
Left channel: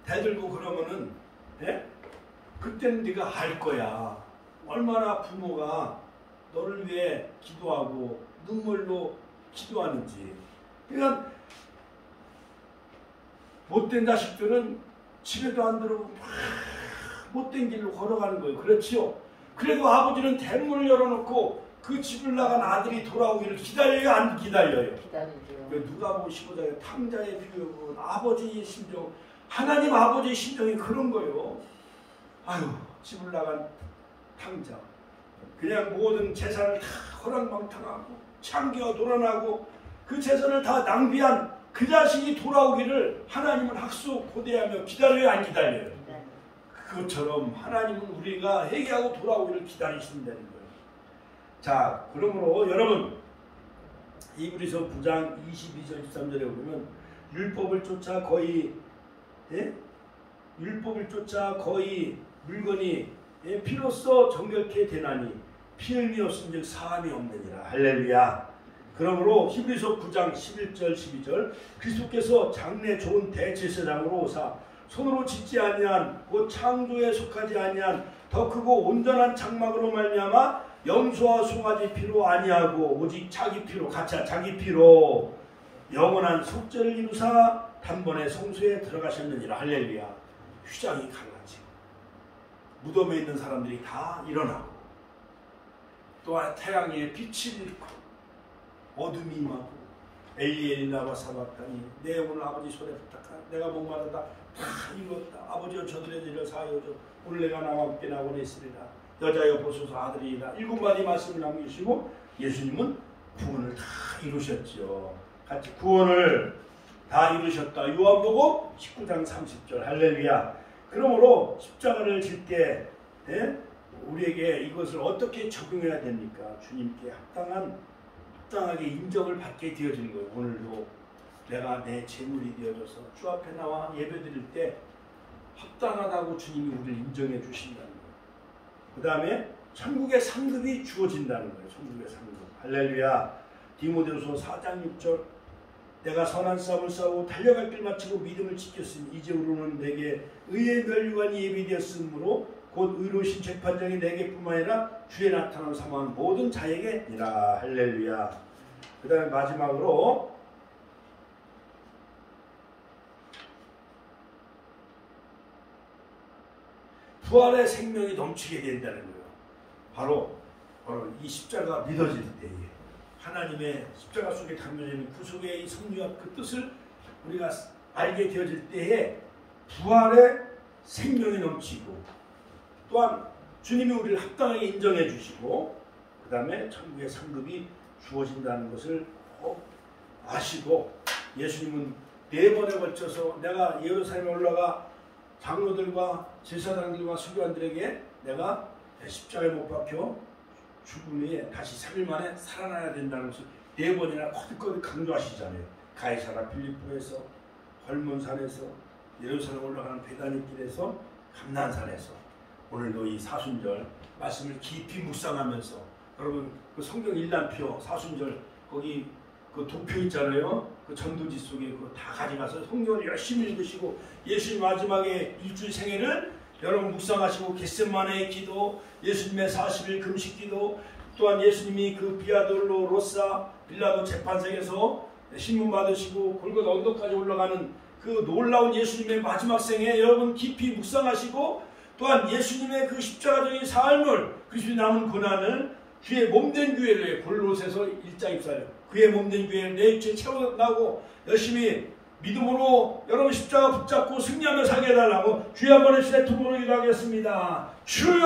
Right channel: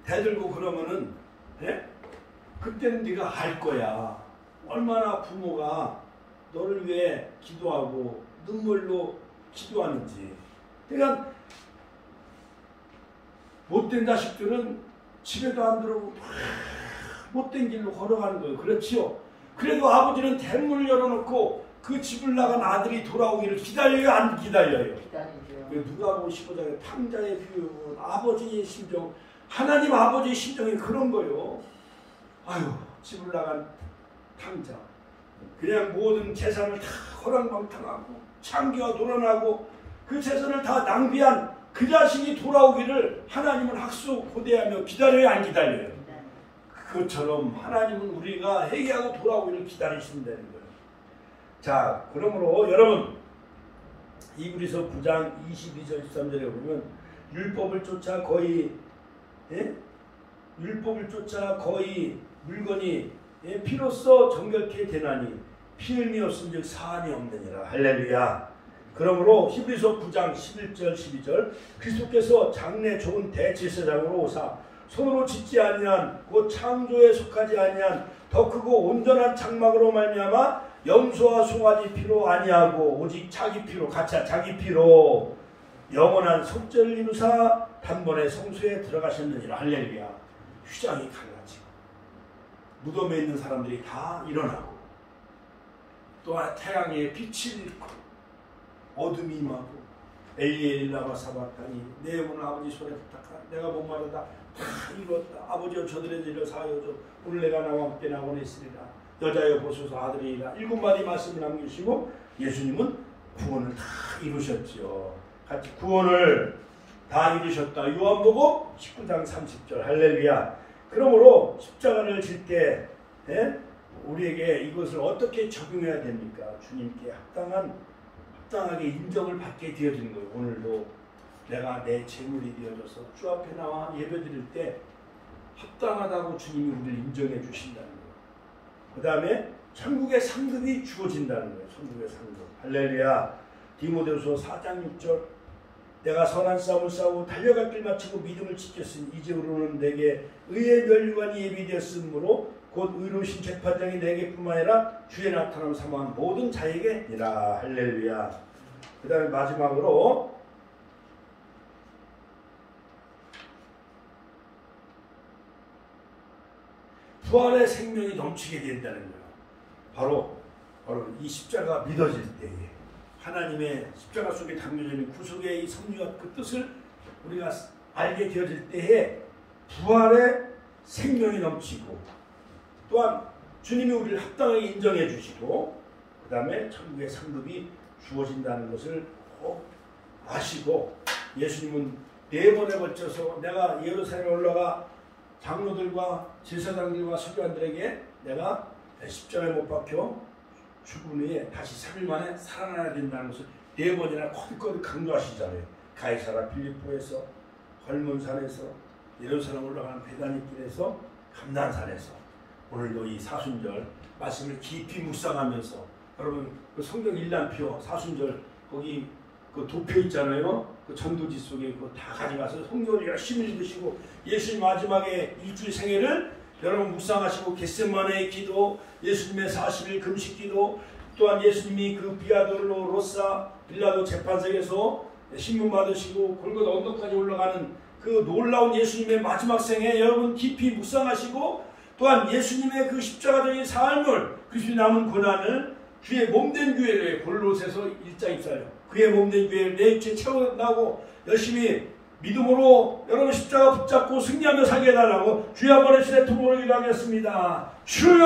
대들고 그러면은 그때는 네가 알 거야. 얼마나 부모가 너를 위해 기도하고 눈물로 기도하는지. 그러니까 못된 자식들은 집에도 안 들어오고 못된 길로 걸어가는 거예요. 그렇지요? 그래도 아버지는 대문을 열어놓고 그 집을 나간 아들이 돌아오기를 기다려요? 안 기다려요? 기다리죠. 누가 보시보다 탕자의 비유는 아버지의 심정, 하나님 아버지의 심정이 그런 거예요. 아유, 집을 나간 탕자. 그냥 모든 재산을 다 허랑방탕하고 창기와 돌아나고 그 재산을 다 낭비한 그 자신이 돌아오기를 하나님은 학수고대하며 기다려요? 안 기다려요? 그것처럼 하나님은 우리가 회개하고 돌아오기를 기다리신다는 거예요. 자, 그러므로 여러분 히브리서 9장 22절 23절에 보면 율법을 쫓아 거의 물건이 피로써 정결케 되나니 피 흘림이 없은즉 사함이 없느니라. 할렐루야. 그러므로 히브리서 9장 11절 12절 그리스도께서 장래 좋은 대제사장으로 오사 손으로 짓지 아니한 곧 창조에 속하지 아니한 더 크고 온전한 장막으로 말미암아 염소와 송아지 피로 아니하고 오직 자기 피로 가차 자기 피로 영원한 속죄를 이루사 단번에 성소에 들어가셨느니라. 할렐루야. 휘장이 갈라지고 무덤에 있는 사람들이 다 일어나고 또한 태양의 빛이 잃고 어둠이 임하고 엘리엘라바 사바타니 내 영혼을 아버지 손에 부탁하라. 내가 목마르다 다 이뤘다. 아버지여 저들의 죄를 사하여줘. 오늘 내가 나와 함께 나원에 있으리라. 여자여 보소서 아들이라. 7마디 말씀을 남기시고 예수님은 구원을 다 이루셨죠. 같이 구원을 다 이루셨다. 요한복음 19장 30절. 할렐루야. 그러므로 십자가를 질 때 우리에게 이것을 어떻게 적용해야 됩니까? 주님께 합당하게 인정을 받게 되어지는 거예요. 오늘도 내가 내 재물이 되어져서 주 앞에 나와 예배드릴 때 합당하다고 주님이 우리를 인정해 주신다는 거예요. 그 다음에 천국의 상급이 주어진다는 거예요. 천국의 상급. 할렐루야. 디모데후서 4장 6절 내가 선한 싸움을 싸우고 달려갈 길 마치고 믿음을 지켰으니 이제로는 내게 의의 멸류관이 예비되었으므로 곧 의로우신 재판장이 내게뿐만 아니라 주의 나타남 삼아한 모든 자에게니라. 할렐루야. 그 다음에 마지막으로 부활의 생명이 넘치게 된다는 거예요. 바로 이 십자가 믿어질 때에 하나님의 십자가 속에 담겨져 있는 구속의 이 섭리와 그 뜻을 우리가 알게 되어질 때에 부활의 생명이 넘치고 또한 주님이 우리를 합당하게 인정해 주시고 그 다음에 천국의 상급이 주어진다는 것을 꼭 아시고 예수님은 4번에 걸쳐서 내가 예루살렘에 올라가 장로들과 제사장들과 서기관들에게 내가 십자가에 못 박혀 죽은 후에 다시 3일 만에 살아나야 된다는 것을 4번이나 거듭거듭 강조하시잖아요. 가이사라 빌립보에서 헐몬산에서 예루살렘 올라가는 베다니길에서 감난산에서 오늘도 이 사순절 말씀을 깊이 묵상하면서 여러분 그 성경 일단표 사순절 거기 그 도표 있잖아요. 그 전도지 속에 그거 다 가져가서 성경을 열심히 읽으시고 예수님 마지막에 일주일 생애를 여러분 묵상하시고 겟세마네의 기도, 예수님의 40일 금식 기도, 또한 예수님이 그 비아돌로로사 빌라도 재판석에서 신문 받으시고 골고다 언덕까지 올라가는 그 놀라운 예수님의 마지막 생애 여러분 깊이 묵상하시고 또한 예수님의 그 십자가적인 삶을 그리스도의 남은 고난을 주의 몸된 교회를 골로새서 1장 24절 그의 몸된 교회를 내 육체에 채워나고 열심히 믿음으로 여러분 십자가 붙잡고 승리하며 살게 해달라고 주여 한번 해주시네. 두번을 기도하겠습니다. 주여